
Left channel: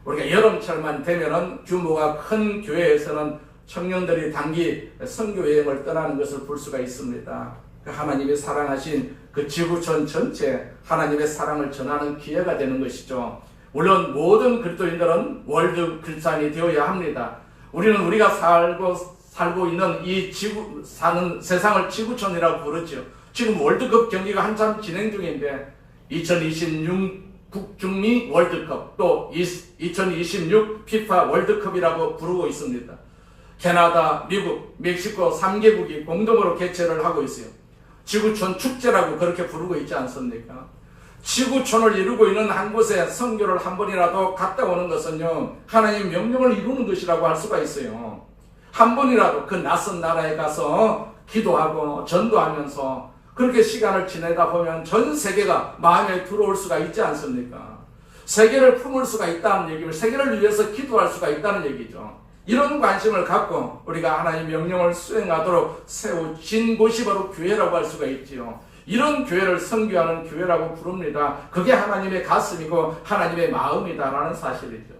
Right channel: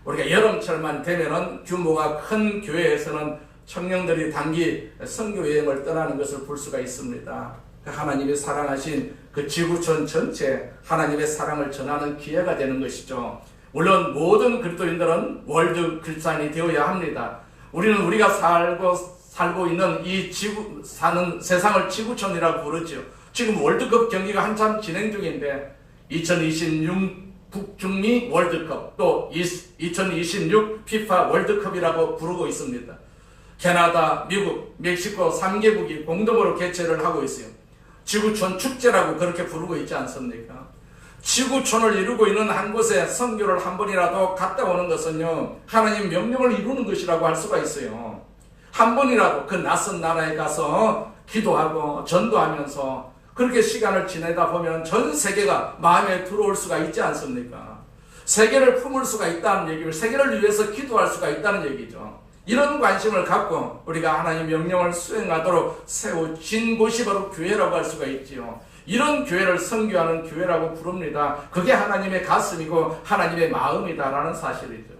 우리가 여름철만 되면은 규모가 큰 교회에서는 청년들이 단기 선교여행을 떠나는 것을 볼 수가 있습니다. 그 하나님이 사랑하신 그 지구촌 전체 하나님의 사랑을 전하는 기회가 되는 것이죠. 물론 모든 그리스도인들은 월드 크리스찬이 되어야 합니다. 우리가 살고 있는 이 사는 세상을 지구촌이라고 부르죠. 지금 월드컵 경기가 한참 진행 중인데 2026 북중미 월드컵 또 2026 피파 월드컵이라고 부르고 있습니다. 캐나다, 미국, 멕시코 3개국이 공동으로 개최를 하고 있어요. 지구촌 축제라고 그렇게 부르고 있지 않습니까? 지구촌을 이루고 있는 한 곳에 선교를 한 번이라도 갔다 오는 것은요 하나님 명령을 이루는 것이라고 할 수가 있어요. 한 번이라도 그 낯선 나라에 가서 기도하고 전도하면서 그렇게 시간을 지내다 보면 전 세계가 마음에 들어올 수가 있지 않습니까? 세계를 품을 수가 있다는 얘기를, 세계를 위해서 기도할 수가 있다는 얘기죠. 이런 관심을 갖고 우리가 하나님 명령을 수행하도록 세워진 곳이 바로 교회라고 할 수가 있지요. 이런 교회를 선교하는 교회라고 부릅니다. 그게 하나님의 가슴이고 하나님의 마음이다라는 사실이죠.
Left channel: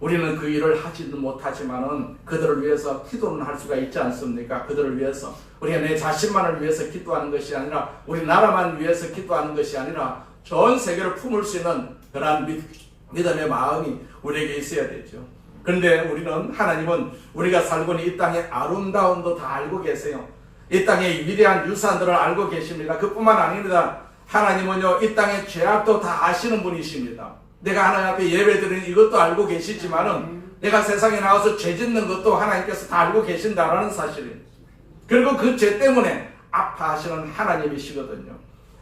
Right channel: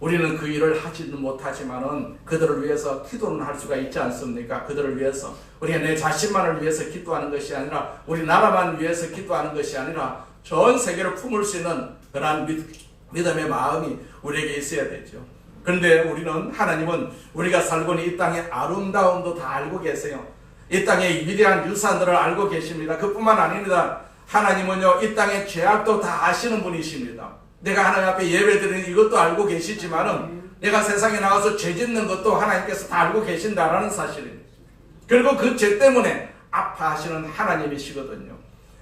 우리는 그 일을 하지는 못하지만은 그들을 위해서 기도는 할 수가 있지 않습니까? 그들을 위해서 우리가 내 자신만을 위해서 기도하는 것이 아니라 우리 나라만 위해서 기도하는 것이 아니라 전 세계를 품을 수 있는 그러한 믿음의 마음이 우리에게 있어야 되죠. 그런데 하나님은 우리가 살고 있는 이 땅의 아름다움도 다 알고 계세요. 이 땅의 위대한 유산들을 알고 계십니다. 그뿐만 아닙니다. 하나님은요 이 땅의 죄악도 다 아시는 분이십니다. 내가 하나님 앞에 예배드리는 이것도 알고 계시지만은 내가 세상에 나가서 죄 짓는 것도 하나님께서 다 알고 계신다라는 사실입니다. 그리고 그 죄 때문에 아파하시는 하나님이시거든요.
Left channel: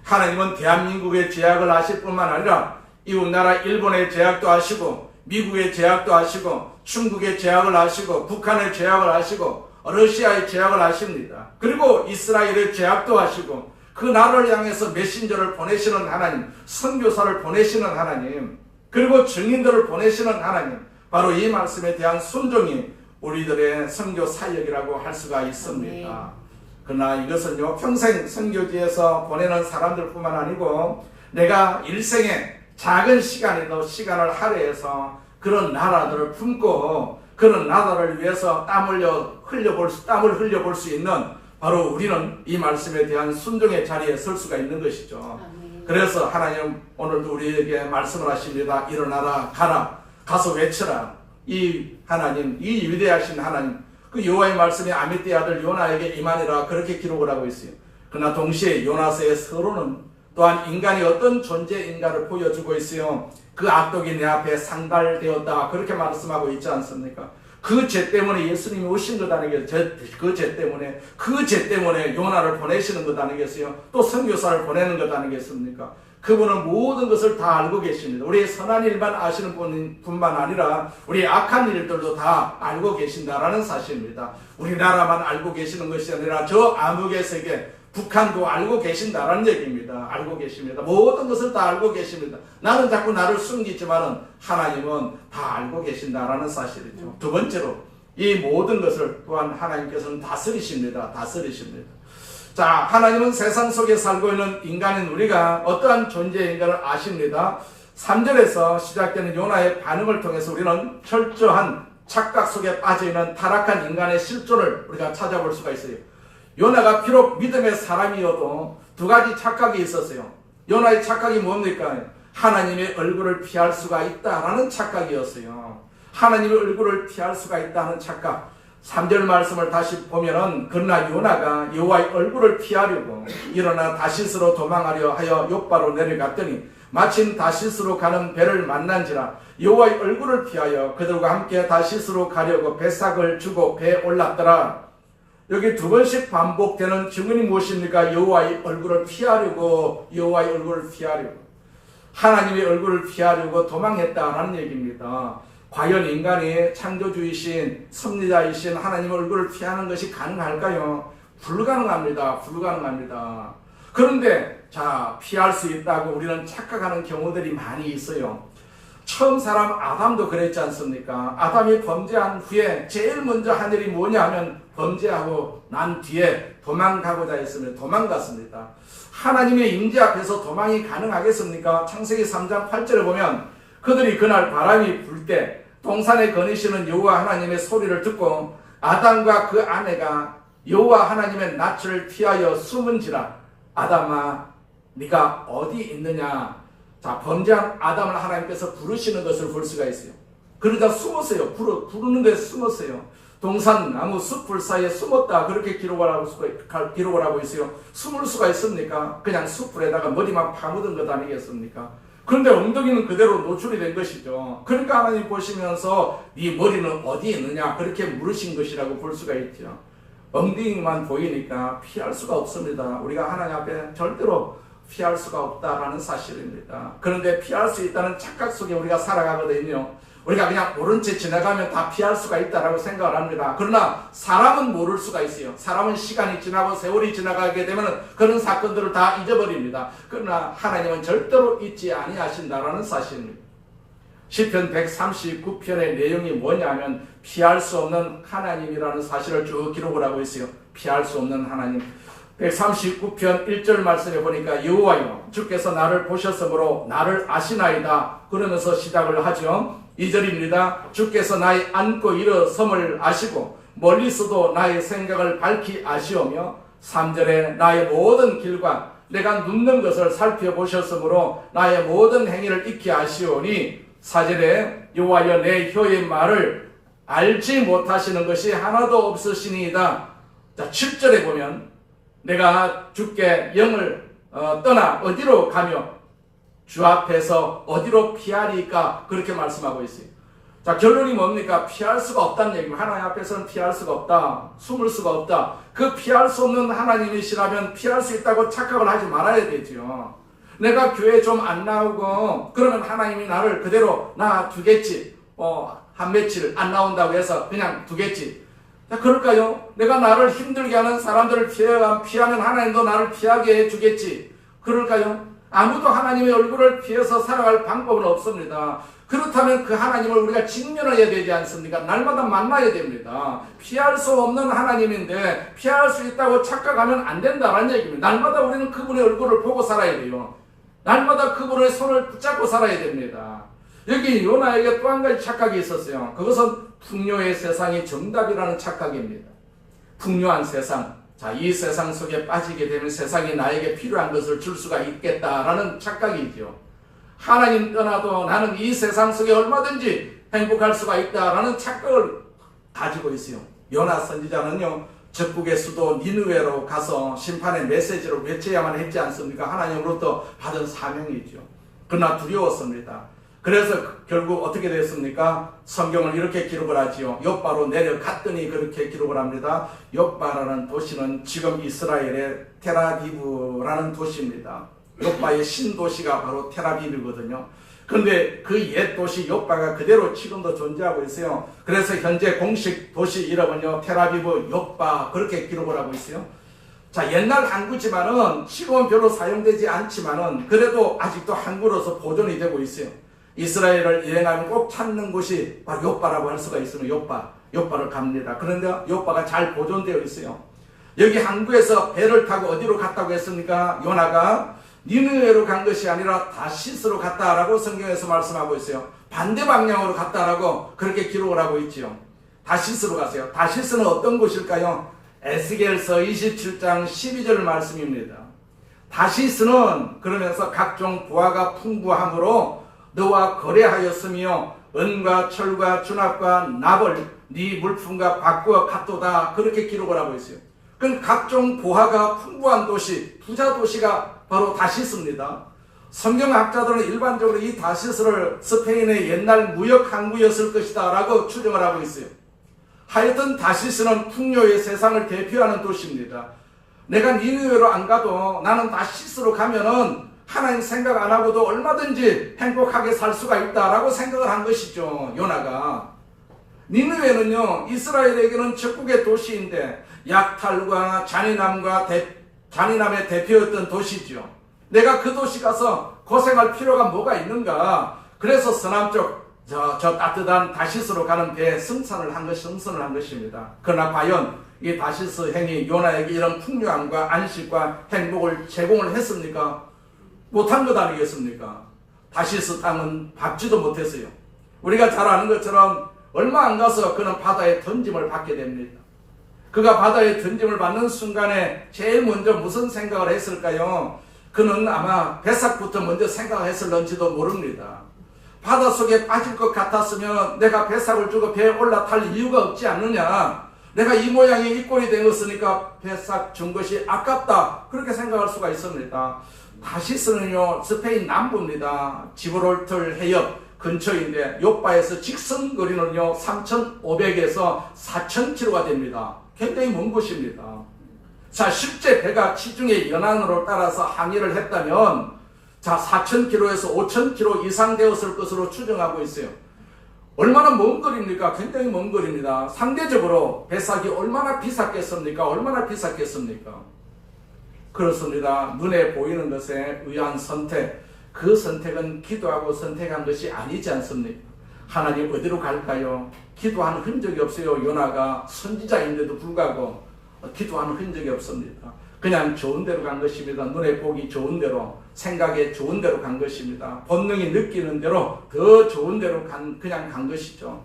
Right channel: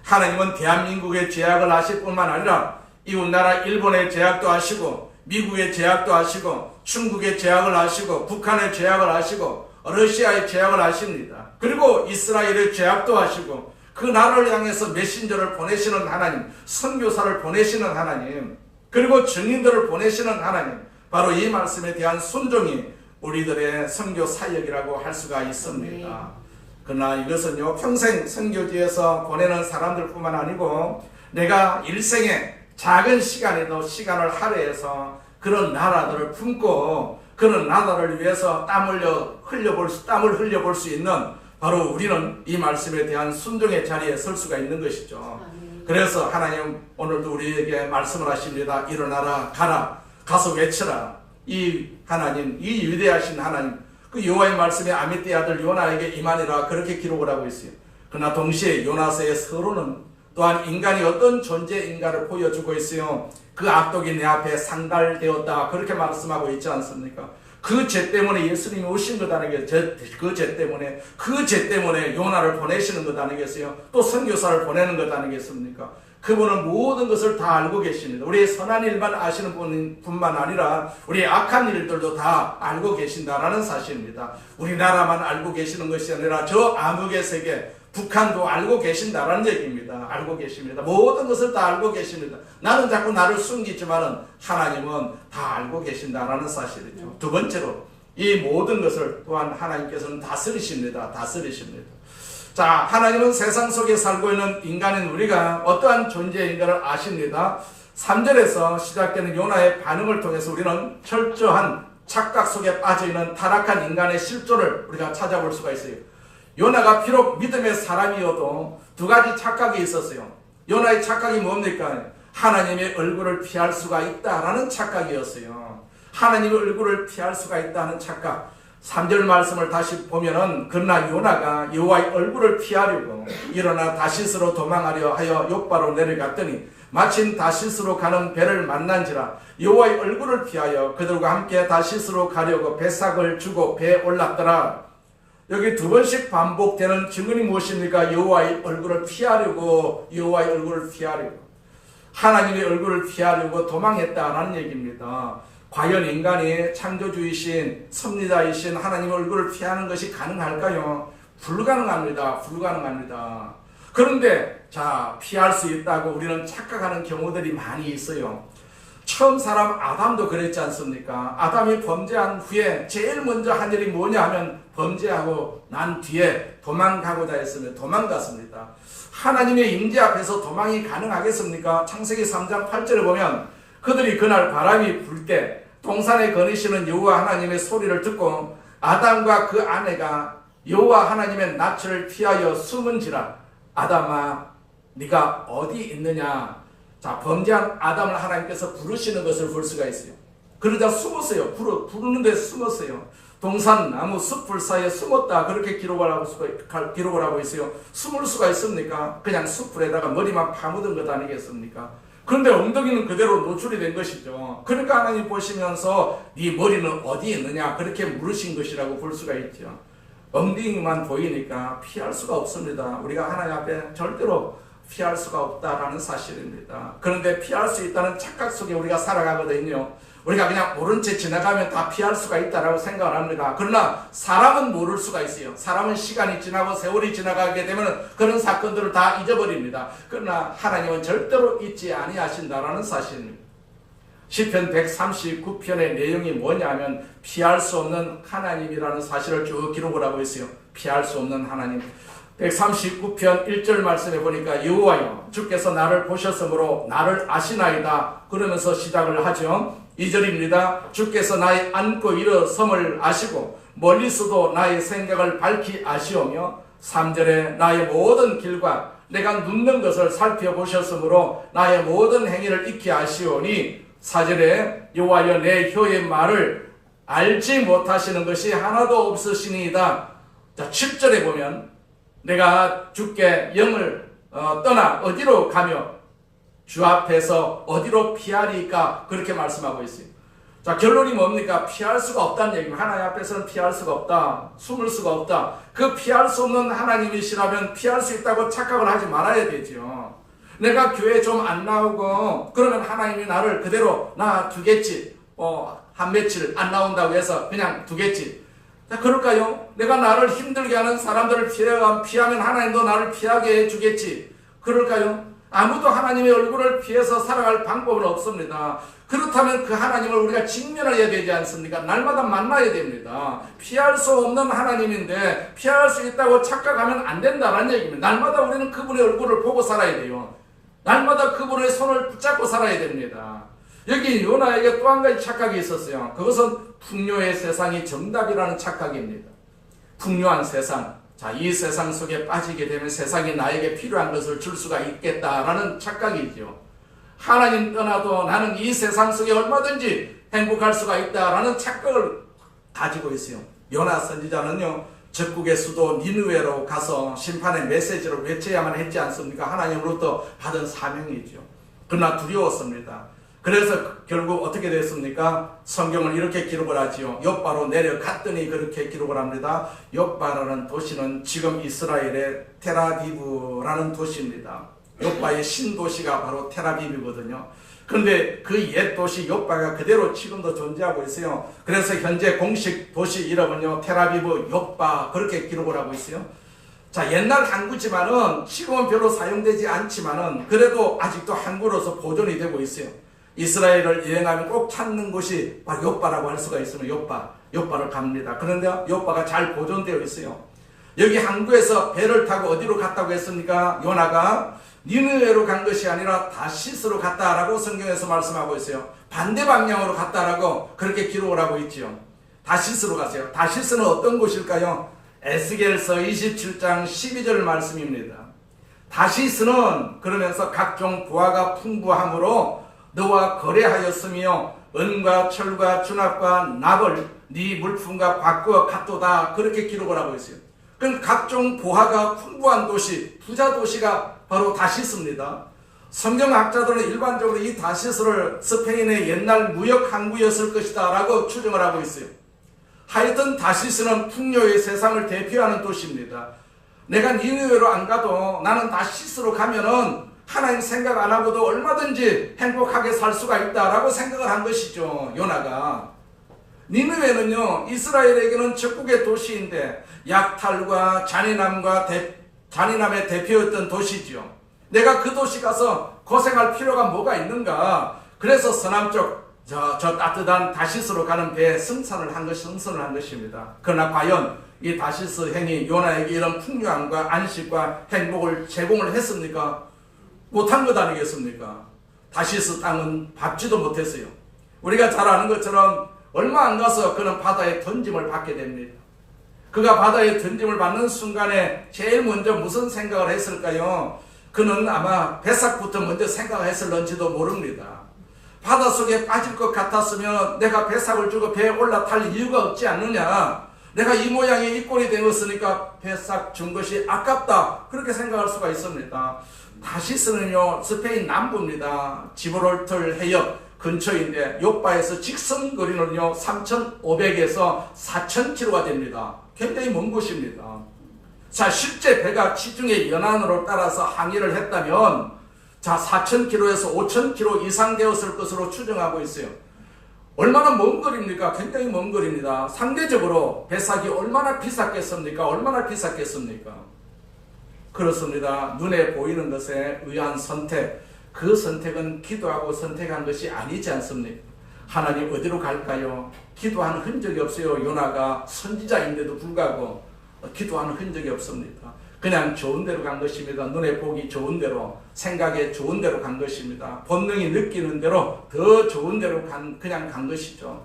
하나님은 대한민국의 죄악을 아실 뿐만 아니라 이웃나라 일본의 죄악도 아시고 미국의 죄악도 아시고 중국의 죄악을 아시고 북한의 죄악을 아시고 러시아의 죄악을 아십니다. 그리고 이스라엘의 죄악도 아시고 그 나라를 향해서 메신저를 보내시는 하나님, 선교사를 보내시는 하나님, 그리고 증인들을 보내시는 하나님, 바로 이 말씀에 대한 순종이 우리들의 선교 사역이라고 할 수가 있습니다. 그러나 이것은요 평생 선교지에서 보내는 사람들뿐만 아니고 내가 일생에 작은 시간에도 시간을 할애해서 그런 나라들을 품고 그런 나라를 위해서 땀을 흘려볼 수 있는 바로 우리는 이 말씀에 대한 순종의 자리에 설 수가 있는 것이죠. 그래서 하나님 오늘도 우리에게 말씀을 하십니다. 일어나라, 가라, 가서 외쳐라. 이 하나님, 이 위대하신 하나님, 그 여호와의 말씀이 아미떼 아들 요나에게 임하니라 그렇게 기록을 하고 있어요. 그러나 동시에 요나서의 서론은 또한 인간이 어떤 존재인가를 보여주고 있어요. 그 악독이 내 앞에 상달되었다 그렇게 말씀하고 있지 않습니까? 그 죄 때문에 예수님이 오신 것 아니겠어요? 그 죄 때문에 요나를 보내시는 것 아니겠어요? 또 선교사를 보내는 것 아니겠습니까? 그분은 모든 것을 다 알고 계십니다. 우리의 선한 일만 아시는 분만 아니라 우리의 악한 일들도 다 알고 계신다라는 사실입니다. 우리나라만 알고 계시는 것이 아니라 저 암흑의 세계 북한도 알고 계신다라는 얘기입니다. 알고 계십니다. 모든 것을 다 알고 계십니다. 나는 자꾸 나를 숨기지만은 하나님은 다 알고 계신다라는 사실이죠. 두 번째로 이 모든 것을 또한 하나님께서는 다스리십니다. 자, 하나님은 세상 속에 살고 있는 인간인 우리가 어떠한 존재인가를 아십니다. 3절에서 시작되는 요나의 반응을 통해서 우리는 철저한 착각 속에 빠져있는 타락한 인간의 실존을 우리가 찾아볼 수가 있어요. 요나가 비록 믿음의 사람이어도 두 가지 착각이 있었어요. 요나의 착각이 뭡니까? 하나님의 얼굴을 피할 수가 있다라는 착각이었어요. 하나님의 얼굴을 피할 수가 있다는 착각. 3절 말씀을 다시 보면은 그러나 요나가 여호와의 얼굴을 피하려고 일어나 다시스로 도망하려 하여 욥바로 내려갔더니 마침 다시스로 가는 배를 만난지라 여호와의 얼굴을 피하여 그들과 함께 다시스로 가려고 배삭을 주고 배에 올랐더라. 여기 두 번씩 반복되는 증언이 무엇입니까? 여호와의 얼굴을 피하려고, 여호와의 얼굴을 피하려고, 하나님의 얼굴을 피하려고 도망했다라는 얘기입니다. 과연 인간이 창조주이신 섭리자이신 하나님의 얼굴을 피하는 것이 가능할까요? 불가능합니다. 불가능합니다. 그런데 자, 피할 수 있다고 우리는 착각하는 경우들이 많이 있어요. 처음 사람 아담도 그랬지 않습니까? 아담이 범죄한 후에 제일 먼저 한 일이 뭐냐 하면 범죄하고 난 뒤에 도망가고자 했으면 도망갔습니다. 하나님의 임재 앞에서 도망이 가능하겠습니까? 창세기 3장 8절에 보면 그들이 그날 바람이 불 때 동산에 거니시는 여호와 하나님의 소리를 듣고 아담과 그 아내가 여호와 하나님의 낯을 피하여 숨은지라. 아담아, 네가 어디 있느냐? 자, 범죄한 아담을 하나님께서 부르시는 것을 볼 수가 있어요. 그러자 숨었어요. 부르는 데 숨었어요. 동산 나무 숲풀 사이에 숨었다. 그렇게 기록을 하고 있어요. 숨을 수가 있습니까? 그냥 숲풀에다가 머리만 파묻은 것 아니겠습니까? 그런데 엉덩이는 그대로 노출이 된 것이죠. 그러니까 하나님 보시면서 네 머리는 어디 있느냐? 그렇게 물으신 것이라고 볼 수가 있죠. 엉덩이만 보이니까 피할 수가 없습니다. 우리가 하나님 앞에 절대로 피할 수가 없다라는 사실입니다. 그런데 피할 수 있다는 착각 속에 우리가 살아가거든요. 우리가 그냥 모른 채 지나가면 다 피할 수가 있다라고 생각을 합니다. 그러나 사람은 모를 수가 있어요. 사람은 시간이 지나고 세월이 지나가게 되면 그런 사건들을 다 잊어버립니다. 그러나 하나님은 절대로 잊지 아니하신다라는 사실입니다. 시편 139편의 내용이 뭐냐면 피할 수 없는 하나님이라는 사실을 쭉 기록을 하고 있어요. 피할 수 없는 하나님. 139편 1절 말씀에 보니까 여호와여 주께서 나를 보셨으므로 나를 아시나이다 그러면서 시작을 하죠. 2절입니다. 주께서 나의 앉고 일어섬을 아시고 멀리서도 나의 생각을 밝히 아시오며 3절에 나의 모든 길과 내가 눕는 것을 살펴보셨으므로 나의 모든 행위를 익히 아시오니 4절에 여호와여 내 혀의 말을 알지 못하시는 것이 하나도 없으시니이다. 자, 7절에 보면 내가 주께 영을 떠나 어디로 가며 주 앞에서 어디로 피하리까 그렇게 말씀하고 있어요. 자, 결론이 뭡니까? 피할 수가 없다는 얘기입니다. 하나님 앞에서는 피할 수가 없다. 숨을 수가 없다. 그 피할 수 없는 하나님이시라면 피할 수 있다고 착각을 하지 말아야 되죠. 내가 교회 좀 안 나오고 그러면 하나님이 나를 그대로 놔두겠지. 한 며칠 안 나온다고 해서 그냥 두겠지. 자, 그럴까요? 내가 나를 힘들게 하는 사람들을 피하면 하나님도 나를 피하게 해주겠지. 그럴까요? 아무도 하나님의 얼굴을 피해서 살아갈 방법은 없습니다. 그렇다면 그 하나님을 우리가 직면해야 되지 않습니까? 날마다 만나야 됩니다. 피할 수 없는 하나님인데 피할 수 있다고 착각하면 안 된다는 얘기입니다. 날마다 우리는 그분의 얼굴을 보고 살아야 돼요. 날마다 그분의 손을 붙잡고 살아야 됩니다. 여기 요나에게 또 한 가지 착각이 있었어요. 그것은 풍요의 세상이 정답이라는 착각입니다. 풍요한 세상. 자, 이 세상 속에 빠지게 되면 세상이 나에게 필요한 것을 줄 수가 있겠다라는 착각이죠. 하나님 떠나도 나는 이 세상 속에 얼마든지 행복할 수가 있다라는 착각을 가지고 있어요. 요나 선지자는요, 적국의 수도 니느웨로 가서 심판의 메시지를 외쳐야만 했지 않습니까? 하나님으로부터 받은 사명이죠. 그러나 두려웠습니다. 그래서 결국 어떻게 됐습니까? 성경은 이렇게 기록을 하지요. 욥바로 내려갔더니 그렇게 기록을 합니다. 욥바라는 도시는 지금 이스라엘의 텔아비브라는 도시입니다. 욥바의 신도시가 바로 텔아비브거든요. 그런데 그 옛 도시 욥바가 그대로 지금도 존재하고 있어요. 그래서 현재 공식 도시 이름은요, 텔아비브 욥바 그렇게 기록을 하고 있어요. 자, 옛날 항구지만은 지금은 별로 사용되지 않지만은 그래도 아직도 항구로서 보존이 되고 있어요. 이스라엘을 여행하면 꼭 찾는 곳이 바로 욥바라고 할 수가 있으면 욥바를 갑니다. 그런데 욥바가 잘 보존되어 있어요. 여기 항구에서 배를 타고 어디로 갔다고 했습니까? 요나가 니느웨로 간 것이 아니라 다시스로 갔다라고 성경에서 말씀하고 있어요. 반대 방향으로 갔다라고 그렇게 기록을 하고 있지요. 다시스로 가세요. 다시스는 어떤 곳일까요? 에스겔서 27장 12절 말씀입니다. 다시스는 그러면서 각종 부하가 풍부함으로 너와 거래하였으며 은과 철과 준합과 납을 네 물품과 바꾸어 갔도다, 그렇게 기록을 하고 있어요. 그럼 각종 보화가 풍부한 도시, 부자 도시가 바로 다시스입니다. 성경학자들은 일반적으로 이 다시스를 스페인의 옛날 무역 항구였을 것이다 라고 추정을 하고 있어요. 하여튼 다시스는 풍요의 세상을 대표하는 도시입니다. 내가 니느웨로 안 가도 나는 다시스로 가면은 하나님 생각 안 하고도 얼마든지 행복하게 살 수가 있다라고 생각을 한 것이죠, 요나가. 니느웨는요, 이스라엘에게는 적국의 도시인데 약탈과 잔인함의 대표였던 도시죠. 내가 그 도시 가서 고생할 필요가 뭐가 있는가? 그래서 서남쪽 저 따뜻한 다시스로 가는 배에 승선을 한 것입니다. 그러나 과연 이 다시스 행이 요나에게 이런 풍요함과 안식과 행복을 제공을 했습니까? 못한 것 아니겠습니까? 다시스 땅은 밟지도 못했어요. 우리가 잘 아는 것처럼 얼마 안 가서 그는 바다에 던짐을 받게 됩니다. 그가 바다에 던짐을 받는 순간에 제일 먼저 무슨 생각을 했을까요? 그는 아마 배삭부터 먼저 생각을 했을런지도 모릅니다. 바닷속에 빠질 것 같았으면 내가 배삭을 주고 배에 올라탈 이유가 없지 않느냐. 내가 이 모양이 이 꼴이 되었으니까 배삭 준 것이 아깝다, 그렇게 생각할 수가 있습니다. 다시스는요, 스페인 남부입니다. 지브롤털 해협 근처인데 요바에서 직선 거리는요 3,500에서 4,000km가 됩니다. 굉장히 먼 곳입니다. 자, 실제 배가 지중해 연안으로 따라서 항해를 했다면 4,000km에서 5,000km 이상 되었을 것으로 추정하고 있어요. 얼마나 먼 거리입니까? 굉장히 먼 거리입니다. 상대적으로 배삭이 얼마나 비쌌겠습니까? 그렇습니다. 눈에 보이는 것에 의한 선택, 그 선택은 기도하고 선택한 것이 아니지 않습니까? 하나님 어디로 갈까요? 기도하는 흔적이 없어요. 요나가 선지자인데도 불구하고 기도하는 흔적이 없습니다. 그냥 좋은 대로 간 것입니다. 눈에 보기 좋은 대로, 생각에 좋은 대로 간 것입니다. 본능이 느끼는 대로 더 좋은 대로 그냥 간 것이죠.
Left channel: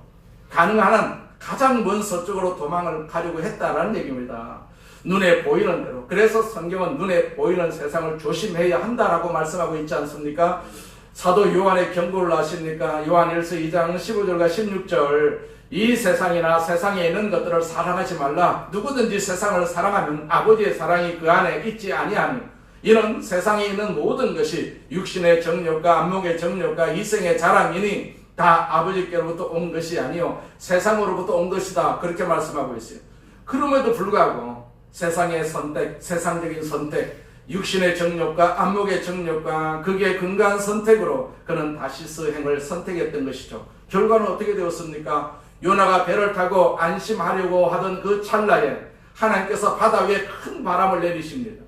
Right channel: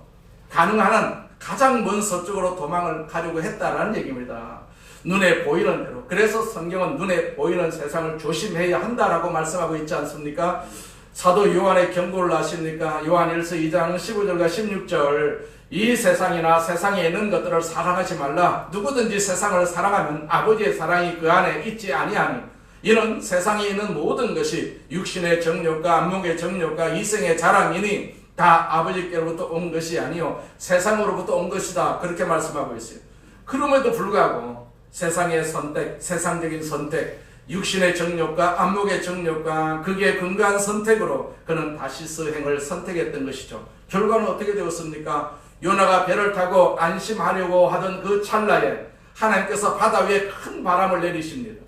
가능한 한 가장 먼 서쪽으로 도망을 가려고 했다라는 얘기입니다. 눈에 보이는 대로. 그래서 성경은 눈에 보이는 세상을 조심해야 한다라고 말씀하고 있지 않습니까? 사도 요한의 경고를 아십니까? 요한일서 2장 15절과 16절. 이 세상이나 세상에 있는 것들을 사랑하지 말라. 누구든지 세상을 사랑하면 아버지의 사랑이 그 안에 있지 아니하니, 이는 세상에 있는 모든 것이 육신의 정욕과 안목의 정욕과 이생의 자랑이니 다 아버지께로부터 온 것이 아니요 세상으로부터 온 것이다, 그렇게 말씀하고 있어요. 그럼에도 불구하고 세상의 선택, 세상적인 선택, 육신의 정욕과 안목의 정욕과 그게 근거한 선택으로 그는 다시스 행을 선택했던 것이죠. 결과는 어떻게 되었습니까? 요나가 배를 타고 안심하려고 하던 그 찰나에 하나님께서 바다 위에 큰 바람을 내리십니다.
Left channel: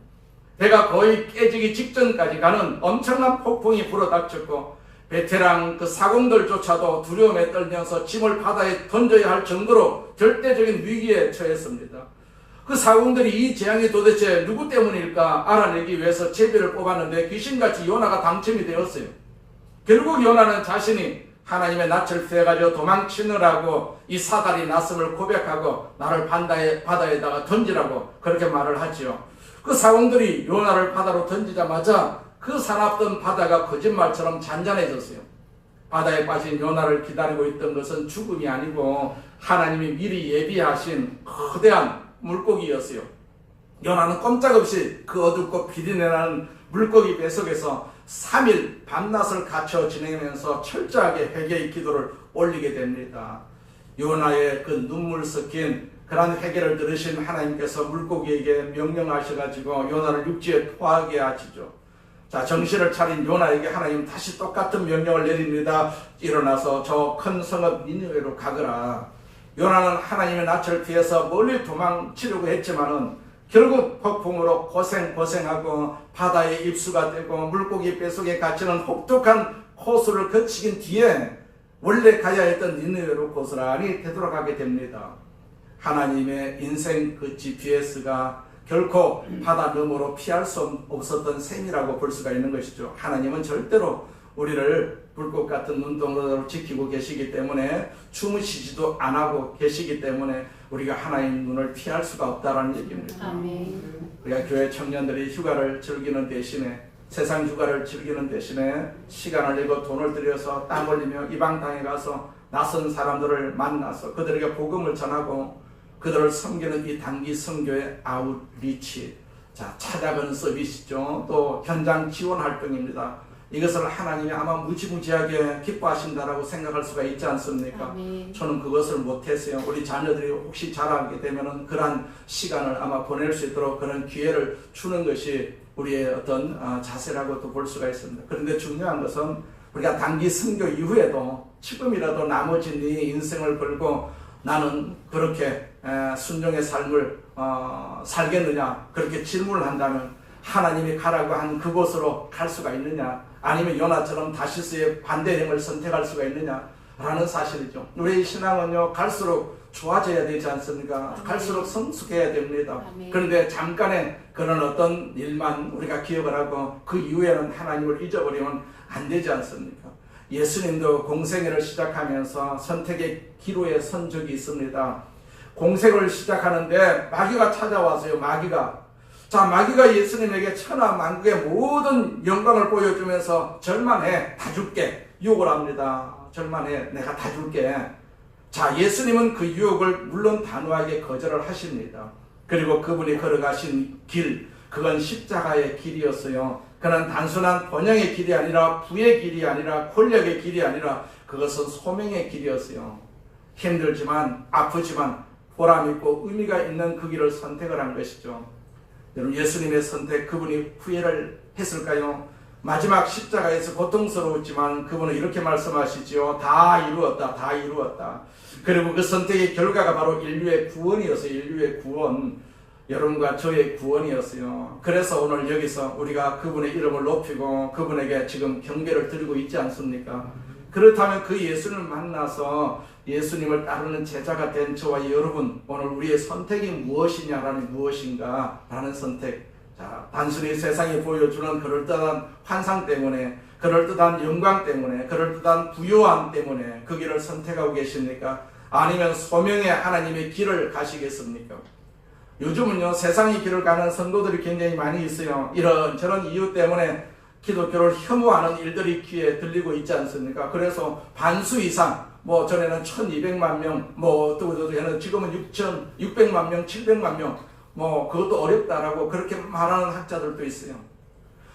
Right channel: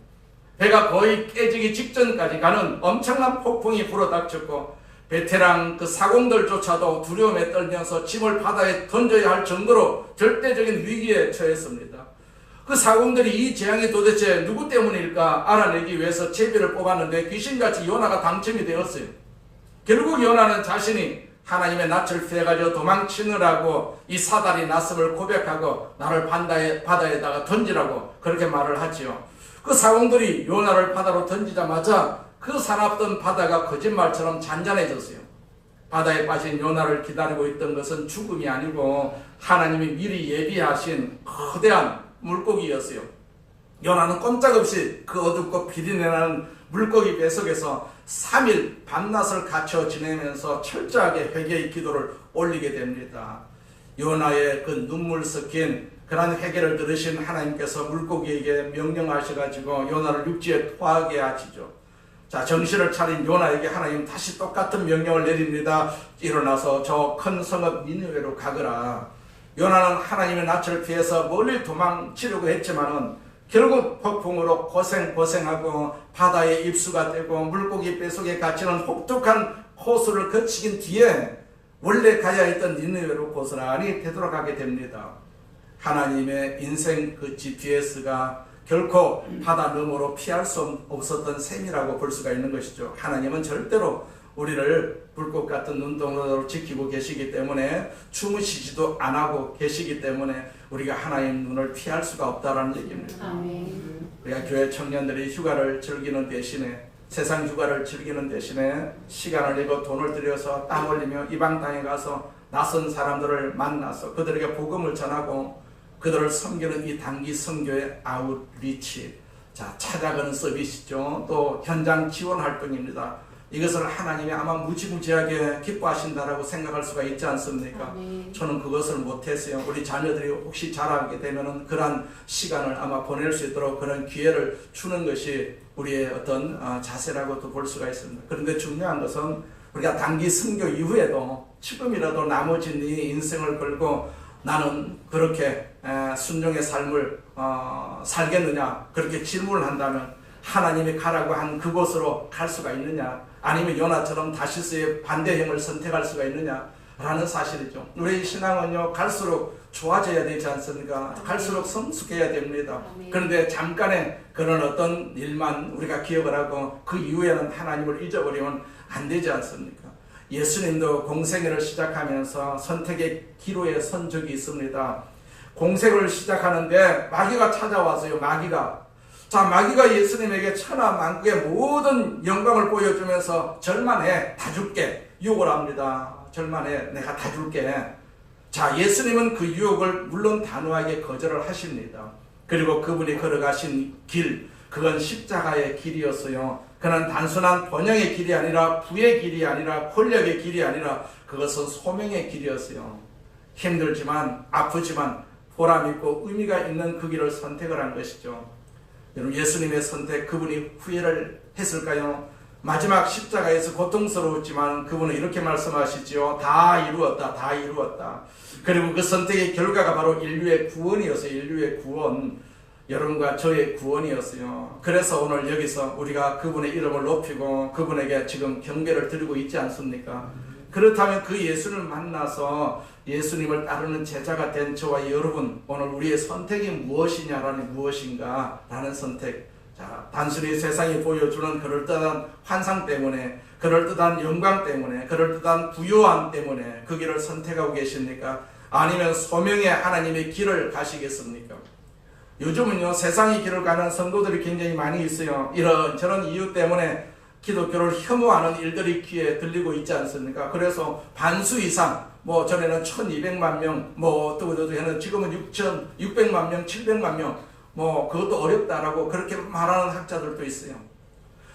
배가 거의 깨지기 직전까지 가는 엄청난 폭풍이 불어닥쳤고 베테랑 그 사공들조차도 두려움에 떨면서 짐을 바다에 던져야 할 정도로 절대적인 위기에 처했습니다. 그 사공들이 이 재앙이 도대체 누구 때문일까 알아내기 위해서 제비를 뽑았는데 귀신같이 요나가 당첨이 되었어요. 결국 요나는 자신이 하나님의 낯을 피해가지고 도망치느라고 이 사달이 났음을 고백하고 나를 바다에다가 던지라고 그렇게 말을 하지요. 그 사공들이 요나를 바다로 던지자마자 그 사납던 바다가 거짓말처럼 잔잔해졌어요. 바다에 빠진 요나를 기다리고 있던 것은 죽음이 아니고 하나님이 미리 예비하신 거대한 물고기였어요. 요나는 꼼짝없이 그 어둡고 비린내나는 물고기 뱃속에서 3일 밤낮을 갖춰 지내면서 철저하게 회개의 기도를 올리게 됩니다. 요나의 그 눈물 섞인 그러한 회개를 들으신 하나님께서 물고기에게 명령하셔가지고 요나를 육지에 토하게 하시죠. 자, 정신을 차린 요나에게 하나님 다시 똑같은 명령을 내립니다. 일어나서 저 큰 성읍 니느웨로 가거라. 요나는 하나님의 낯을 피해서 멀리 도망치려고 했지만은 결국 폭풍으로 고생하고 바다에 입수가 되고 물고기 뱃속에 갇히는 혹독한 코스를 거치긴 뒤에 원래 가야 했던 니느웨로 고스란히 되돌아가게 됩니다. 하나님의 인생 그 GPS가 결코 바다 너머로 피할 수 없었던 셈이라고 볼 수가 있는 것이죠. 하나님은 절대로 우리를 불꽃 같은 눈동자로 지키고 계시기 때문에 주무시지도 안 하고 계시기 때문에 우리가 하나님 눈을 피할 수가 없다라는 얘기입니다. 아멘. 우리가 교회 청년들이 휴가를 즐기는 대신에 세상 휴가를 즐기는 대신에 시간을 내고 돈을 들여서 땀 흘리며 이방 땅에 가서 낯선 사람들을 만나서 그들에게 복음을 전하고 그들을 섬기는 이 단기 선교의 아웃리치, 찾아가는 서비스죠. 또 현장 지원 활동입니다. 이것을 하나님이 아마 무지무지하게 기뻐하신다라고 생각할 수가 있지 않습니까? 아멘. 저는 그것을 못했어요. 우리 자녀들이 혹시 자라게 되면은 그런 시간을 아마 보낼 수 있도록 그런 기회를 주는 것이 우리의 어떤 자세라고도 볼 수가 있습니다. 그런데 중요한 것은 우리가 단기 선교 이후에도 지금이라도 나머지 네 인생을 걸고 나는 그렇게 순종의 삶을 살겠느냐 그렇게 질문을 한다면 하나님이 가라고 한 그곳으로 갈 수가 있느냐 아니면 요나처럼 다시스의 반대행을 선택할 수가 있느냐 라는 사실이죠. 우리의 신앙은요 갈수록 좋아져야 되지 않습니까? 갈수록 성숙해야 됩니다. 그런데 잠깐의 그런 어떤 일만 우리가 기억을 하고 그 이후에는 하나님을 잊어버리면 안 되지 않습니까? 예수님도 공생애를 시작하면서 선택의 기로에 선 적이 있습니다. 공생을 시작하는데 마귀가 찾아와서요. 마귀가 예수님에게 천하만국의 모든 영광을 보여주면서 절만해 다 줄게 유혹을 합니다. 절만해 내가 다 줄게. 예수님은 그 유혹을 물론 단호하게 거절을 하십니다. 그리고 그분이 걸어가신 길 그건 십자가의 길이었어요. 그는 단순한 번영의 길이 아니라 부의 길이 아니라 권력의 길이 아니라 그것은 소명의 길이었어요. 힘들지만 아프지만 보람있고 의미가 있는 그 길을 선택을 한 것이죠. 여러분 예수님의 선택 그분이 후회를 했을까요? 마지막 십자가에서 고통스러웠지만 그분은 이렇게 말씀하시지요. 다 이루었다. 다 이루었다. 그리고 그 선택의 결과가 바로 인류의 구원이었어요. 인류의 구원. 여러분과 저의 구원이었어요. 그래서 오늘 여기서 우리가 그분의 이름을 높이고 그분에게 지금 경배를 드리고 있지 않습니까? 그렇다면 그 예수님을 만나서 예수님을 따르는 제자가 된 저와 여러분 오늘 우리의 선택이 무엇인가 라는 선택. 단순히 세상이 보여주는 그럴듯한 환상 때문에 그럴듯한 영광 때문에 그럴듯한 부요함 때문에 그 길을 선택하고 계십니까? 아니면 소명의 하나님의 길을 가시겠습니까? 요즘은요 세상의 길을 가는 성도들이 굉장히 많이 있어요. 이런저런 이유 때문에 기독교를 혐오하는 일들이 귀에 들리고 있지 않습니까? 그래서 반수 이상 전에는 1200만 명 지금은 6600만 명 700만 명 그것도 어렵다라고 그렇게 말하는 학자들도 있어요.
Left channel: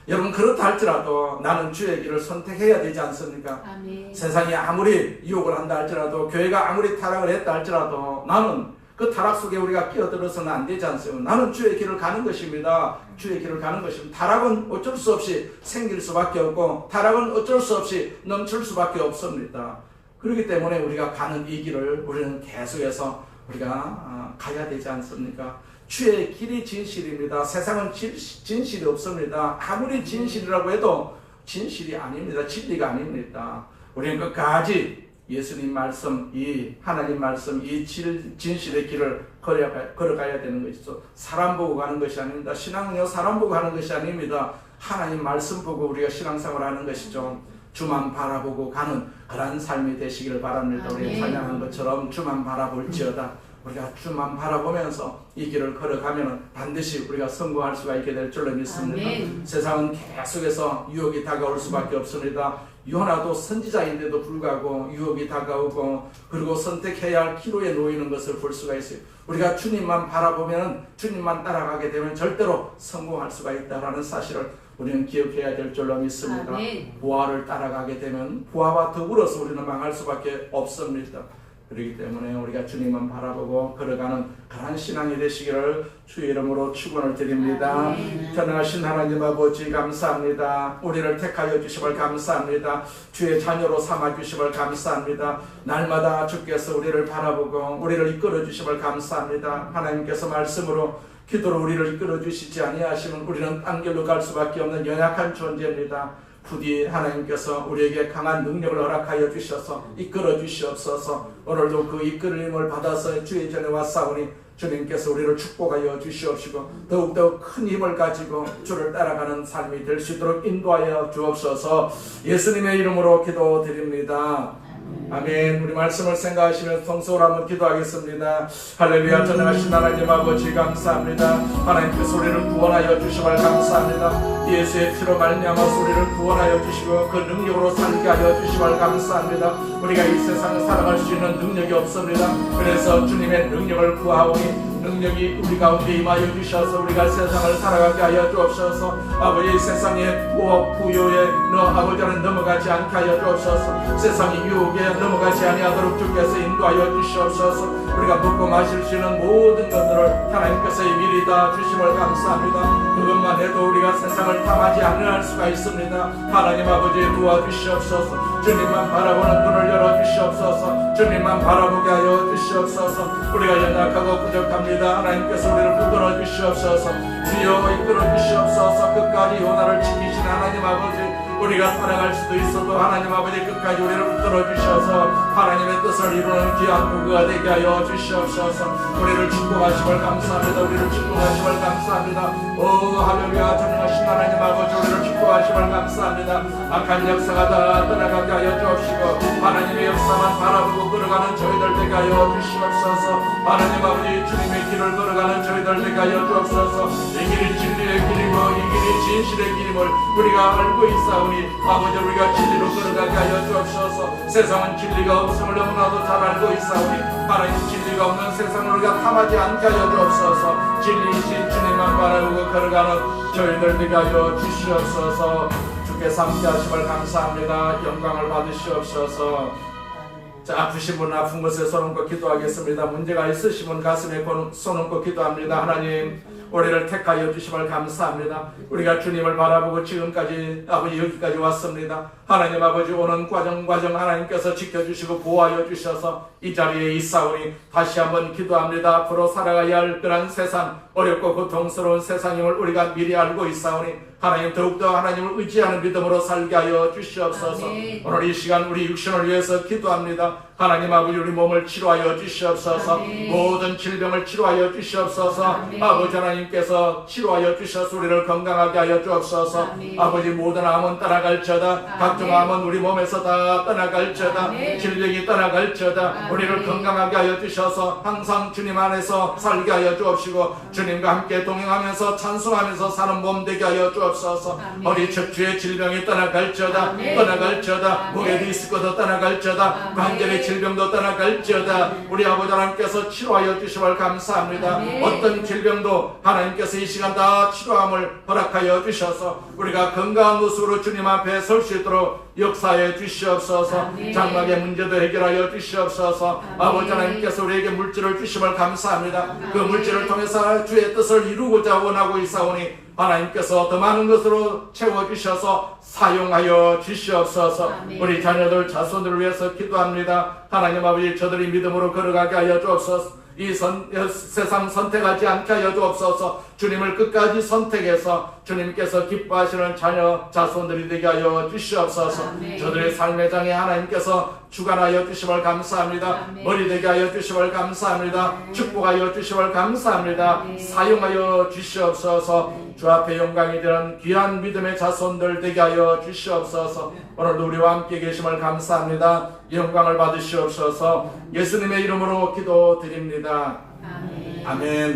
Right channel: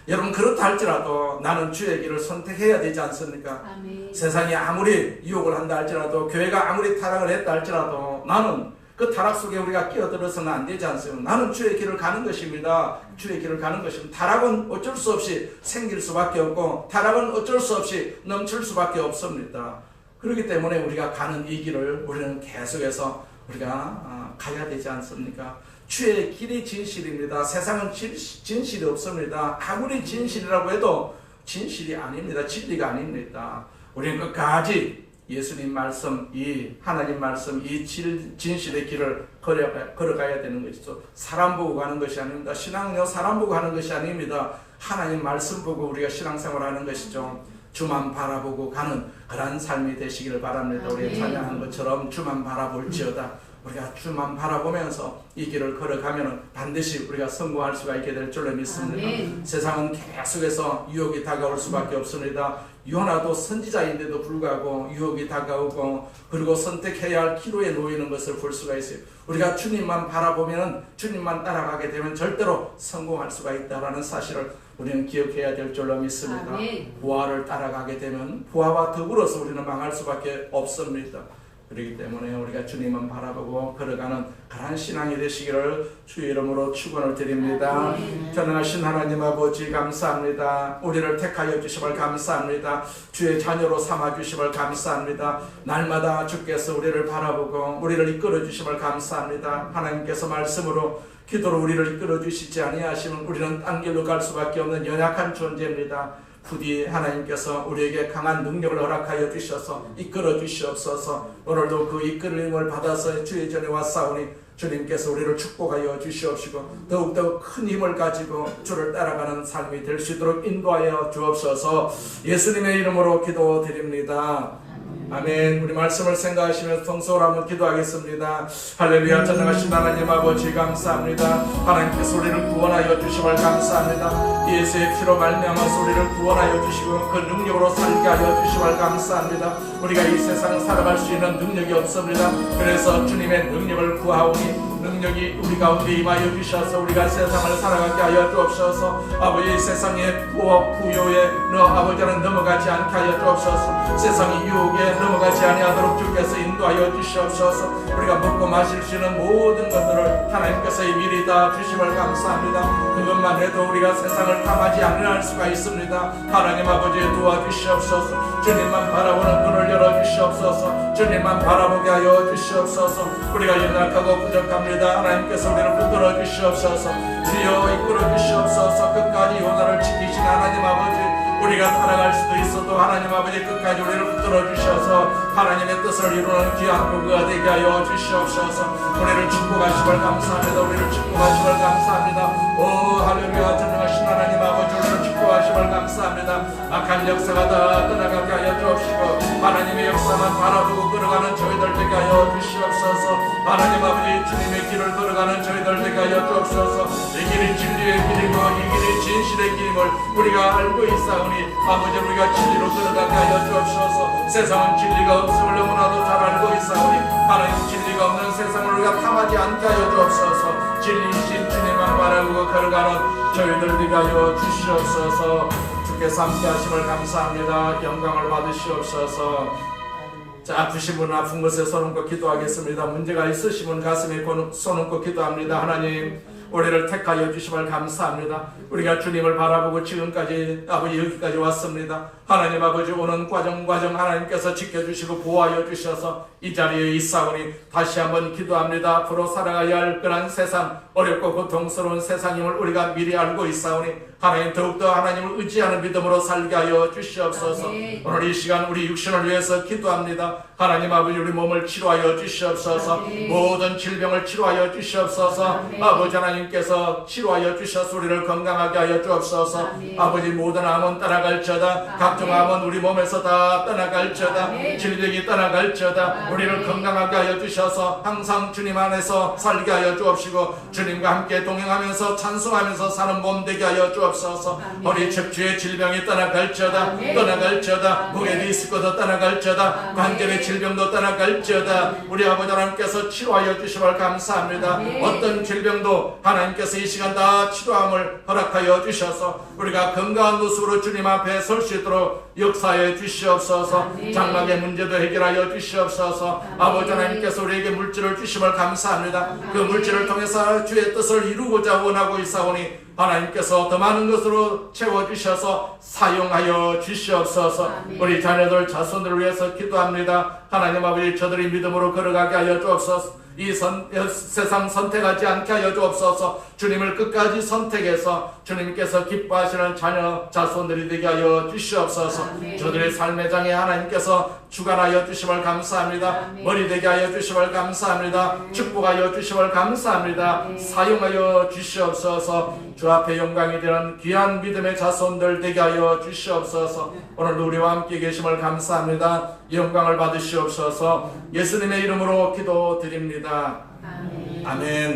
여러분 그렇다 할지라도 나는 주의 길을 선택해야 되지 않습니까? 아멘. 세상이 아무리 유혹을 한다 할지라도 교회가 아무리 타락을 했다 할지라도 나는 그 타락 속에 우리가 끼어들어서는 안 되지 않습니까? 나는 주의 길을 가는 것입니다. 주의 길을 가는 것입니다. 타락은 어쩔 수 없이 생길 수밖에 없고 타락은 어쩔 수 없이 넘칠 수밖에 없습니다. 그렇기 때문에 우리가 가는 이 길을 우리는 계속해서 우리가 가야 되지 않습니까? 주의 길이 진실입니다. 세상은 진실이 없습니다. 아무리 진실이라고 해도 진실이 아닙니다. 진리가 아닙니다. 우리는 끝까지 예수님 말씀, 이 하나님 말씀, 이 진실의 길을 걸어가야 되는 것이죠. 사람 보고 가는 것이 아닙니다. 신앙은요 사람 보고 하는 것이 아닙니다. 하나님 말씀 보고 우리가 신앙생활을 하는 것이죠. 주만 바라보고 가는 그런 삶이 되시기를 바랍니다. 우리가 찬양한 것처럼 주만 바라볼지어다. 우리가 주만 바라보면서 이 길을 걸어가면 반드시 우리가 성공할 수가 있게 될 줄로 믿습니다. 아멘. 세상은 계속해서 유혹이 다가올 수밖에 없습니다. 요나도 선지자인데도 불구하고 유혹이 다가오고 그리고 선택해야 할 기로에 놓이는 것을 볼 수가 있어요. 우리가 주님만 바라보면 주님만 따라가게 되면 절대로 성공할 수가 있다는 사실을 우리는 기억해야 될 줄로 믿습니다. 아멘. 부하를 따라가게 되면 부하와 더불어서 우리는 망할 수밖에 없습니다. 그렇기 때문에 우리가 주님만 바라보고 걸어가는 그런 신앙이 되시기를 주의 이름으로 축원을 드립니다. 전능하신 하나님 아버지 감사합니다. 우리를 택하여 주심을 감사합니다. 주의 자녀로 삼아 주심을 감사합니다. 날마다 주께서 우리를 바라보고 우리를 이끌어 주심을 감사합니다. 하나님께서 말씀으로 기도로 우리를 이끌어 주시지 아니하시면 우리는 딴 길로 갈 수밖에 없는 연약한 존재입니다. 부디 하나님께서 우리에게 강한 능력을 허락하여 주셔서 이끌어 주시옵소서. 오늘도 그 이끌림을 받아서 주의 전에 왔사오니 주님께서 우리를 축복하여 주시옵시고 더욱더 큰 힘을 가지고 주를 따라가는 삶이 될 수 있도록 인도하여 주옵소서. 예수님의 이름으로 기도드립니다. 아멘. 우리 말씀을 생각하시면서 성서로 한번 기도하겠습니다. 할렐루야. 전능하신 하나님 아버지 감사합니다. 하나님께서 우리를 구원하여 주심을 감사합니다. 예수의 피로 말미암아서 우리를 구원하여 주시고 그 능력으로 살게 하여 주심을 감사합니다. 우리가 이 세상을 살아갈 수 있는 능력이 없습니다. 그래서 주님의 능력을 구하오니 능력이 우리 가운데 임하여 주셔서 우리가 세상을 살아가게 하여 주옵소서. 아버지 세상의 부업 부요에 아버지는 넘어가지 않게 하여 주옵소서. 세상의 유혹에 넘어가지 아니하도록 주께서 인도하여 주시옵소서. 우리가 먹고 마실 수 있는 모든 것들을 하나님께서 미리 다 주심을 감사합니다. 그것만 해도 우리가 세상을 탐하지 않을 수가 있습니다. 하나님 아버지 도와주시옵소서. 주님만 바라보는 눈을 열어주시옵소서. 주님만 바라보게 하여 주시옵소서. 우리가 연약하고 부족합니다. 하나님께서 우리를 붙들어 주시옵소서. 주여 이끌어 주시옵소서. 끝까지 요나를 지키신 하나님 아버지, 우리가 살아갈 수도 있어도 하나님 아버지 끝까지 우리를 붙들어 주셔서 하나님의 뜻을 이루는 귀한 도구가 되게 하여 주시옵소서. 우리를 축복하심을 감사합니다. 우리를 축복하심을 감사합니다. 오 할렐루야. 전능하신 하나님 아버지, 우리를 축복하심을 감사합니다. 악한 역사가 다 떠나가게 하여 주옵시고 하나님의 역사만 바라보고 걸어가는 저희들 되게 하여 주시옵소서. 하나님 아버지 주님의 길을 걸어가는 저희들 되게 하여 주옵소서. 이 길이 진리의 길이고 이 길이 진실의 길임을 우리가 알고 있사오니 아버지 우리가 진리로 걸어가게 하여 주옵소서. 세상은 진리가 없음을 너무나도 잘 알고 있사오니 하나님 진리가 없는 세상을 우리가 탐하지 않게 하여 주옵소서. 진리이신 주님만 바라보고 걸어가는 저희들 되게 하여 주시옵소서. 주께서 함께 하심을 감사합니다. 영광을 받으시옵소서. 자, 아프신 분 아픈 곳에 손 얹고 기도하겠습니다. 문제가 있으신 분 가슴에 손 얹고 기도합니다. 하나님 우리를 택하여 주심을 감사합니다. 우리가 주님을 바라보고 지금까지 아버지 여기까지 왔습니다. 하나님 아버지 오는 과정 하나님께서 지켜주시고 보호하여 주셔서 이 자리에 있사오니 다시 한번 기도합니다. 앞으로 살아가야 할 그런 세상, 어렵고 고통스러운 세상임을 우리가 미리 알고 있사오니 하나님 더욱더 하나님을 의지하는 믿음으로 살게 하여 주시옵소서. 오늘 이 시간 우리 육신을 위해서 기도합니다. 하나님 아버지 우리 몸을 치료하여 주시옵소서. 모든 질병을 치료하여 주시옵소서. 아버지 하나님께서 치료하여 주셔서 우리를 건강하게 하여 주옵소서. 아버지 모든 암은 떠나갈지어다. 각종 암은 우리 몸에서 다 떠나갈지어다. 질병이 떠나갈지어다. 우리를 건강하게 하여 주셔서 항상 주님 안에서 살게 하여 주옵시고 주님과 함께 동행하면서 찬송하면서 사는 몸 되게 하여 주옵소서. 허리 척추의 질병이 떠나갈지어다. 목에 디스크도 떠나갈지어다. 관절의 질병도 떠나갈지어다. 우리 아버지 하나님께서 치료하여 주심을 감사합니다. 어떤 질병도 하나님께서 이 시간 다 치료함을 허락하여 주셔서 우리가 건강한 모습으로 주님 앞에 설 수 있도록 역사해 주시옵소서. 장막의 문제도 해결하여 주시옵소서. 아버지 하나님께서 우리에게 물질을 주심을 감사합니다. 그 물질을 통해서 주의 뜻을 이루고자 원하고 있사오니 하나님께서 더 많은 것으로 채워주셔서 사용하여 주시옵소서. 우리 자녀들 자손들을 위해서 기도합니다. 하나님 아버지 저들이 믿음으로 걸어가게 하여 주옵소서. 이 세상 선택하지 않게 하여 주옵소서. 주님을 끝까지 선택해서 주님께서 기뻐하시는 자녀 자손들이 되게 하여 주시옵소서. 저들의 삶의 장에 하나님께서 주관하여 주심을 감사합니다. 머리 되게 하여 주심을 감사합니다. 축복하여 주심을 감사합니다. 사용하여 주시옵소서. 주 앞에 영광이 되는 귀한 믿음의 자손들 되게 하여 주시옵소서. 오늘도 우리와 함께 계심을 감사합니다. 영광을 받으시옵소서. 예수님의 이름으로 기도드립니다. 아멘.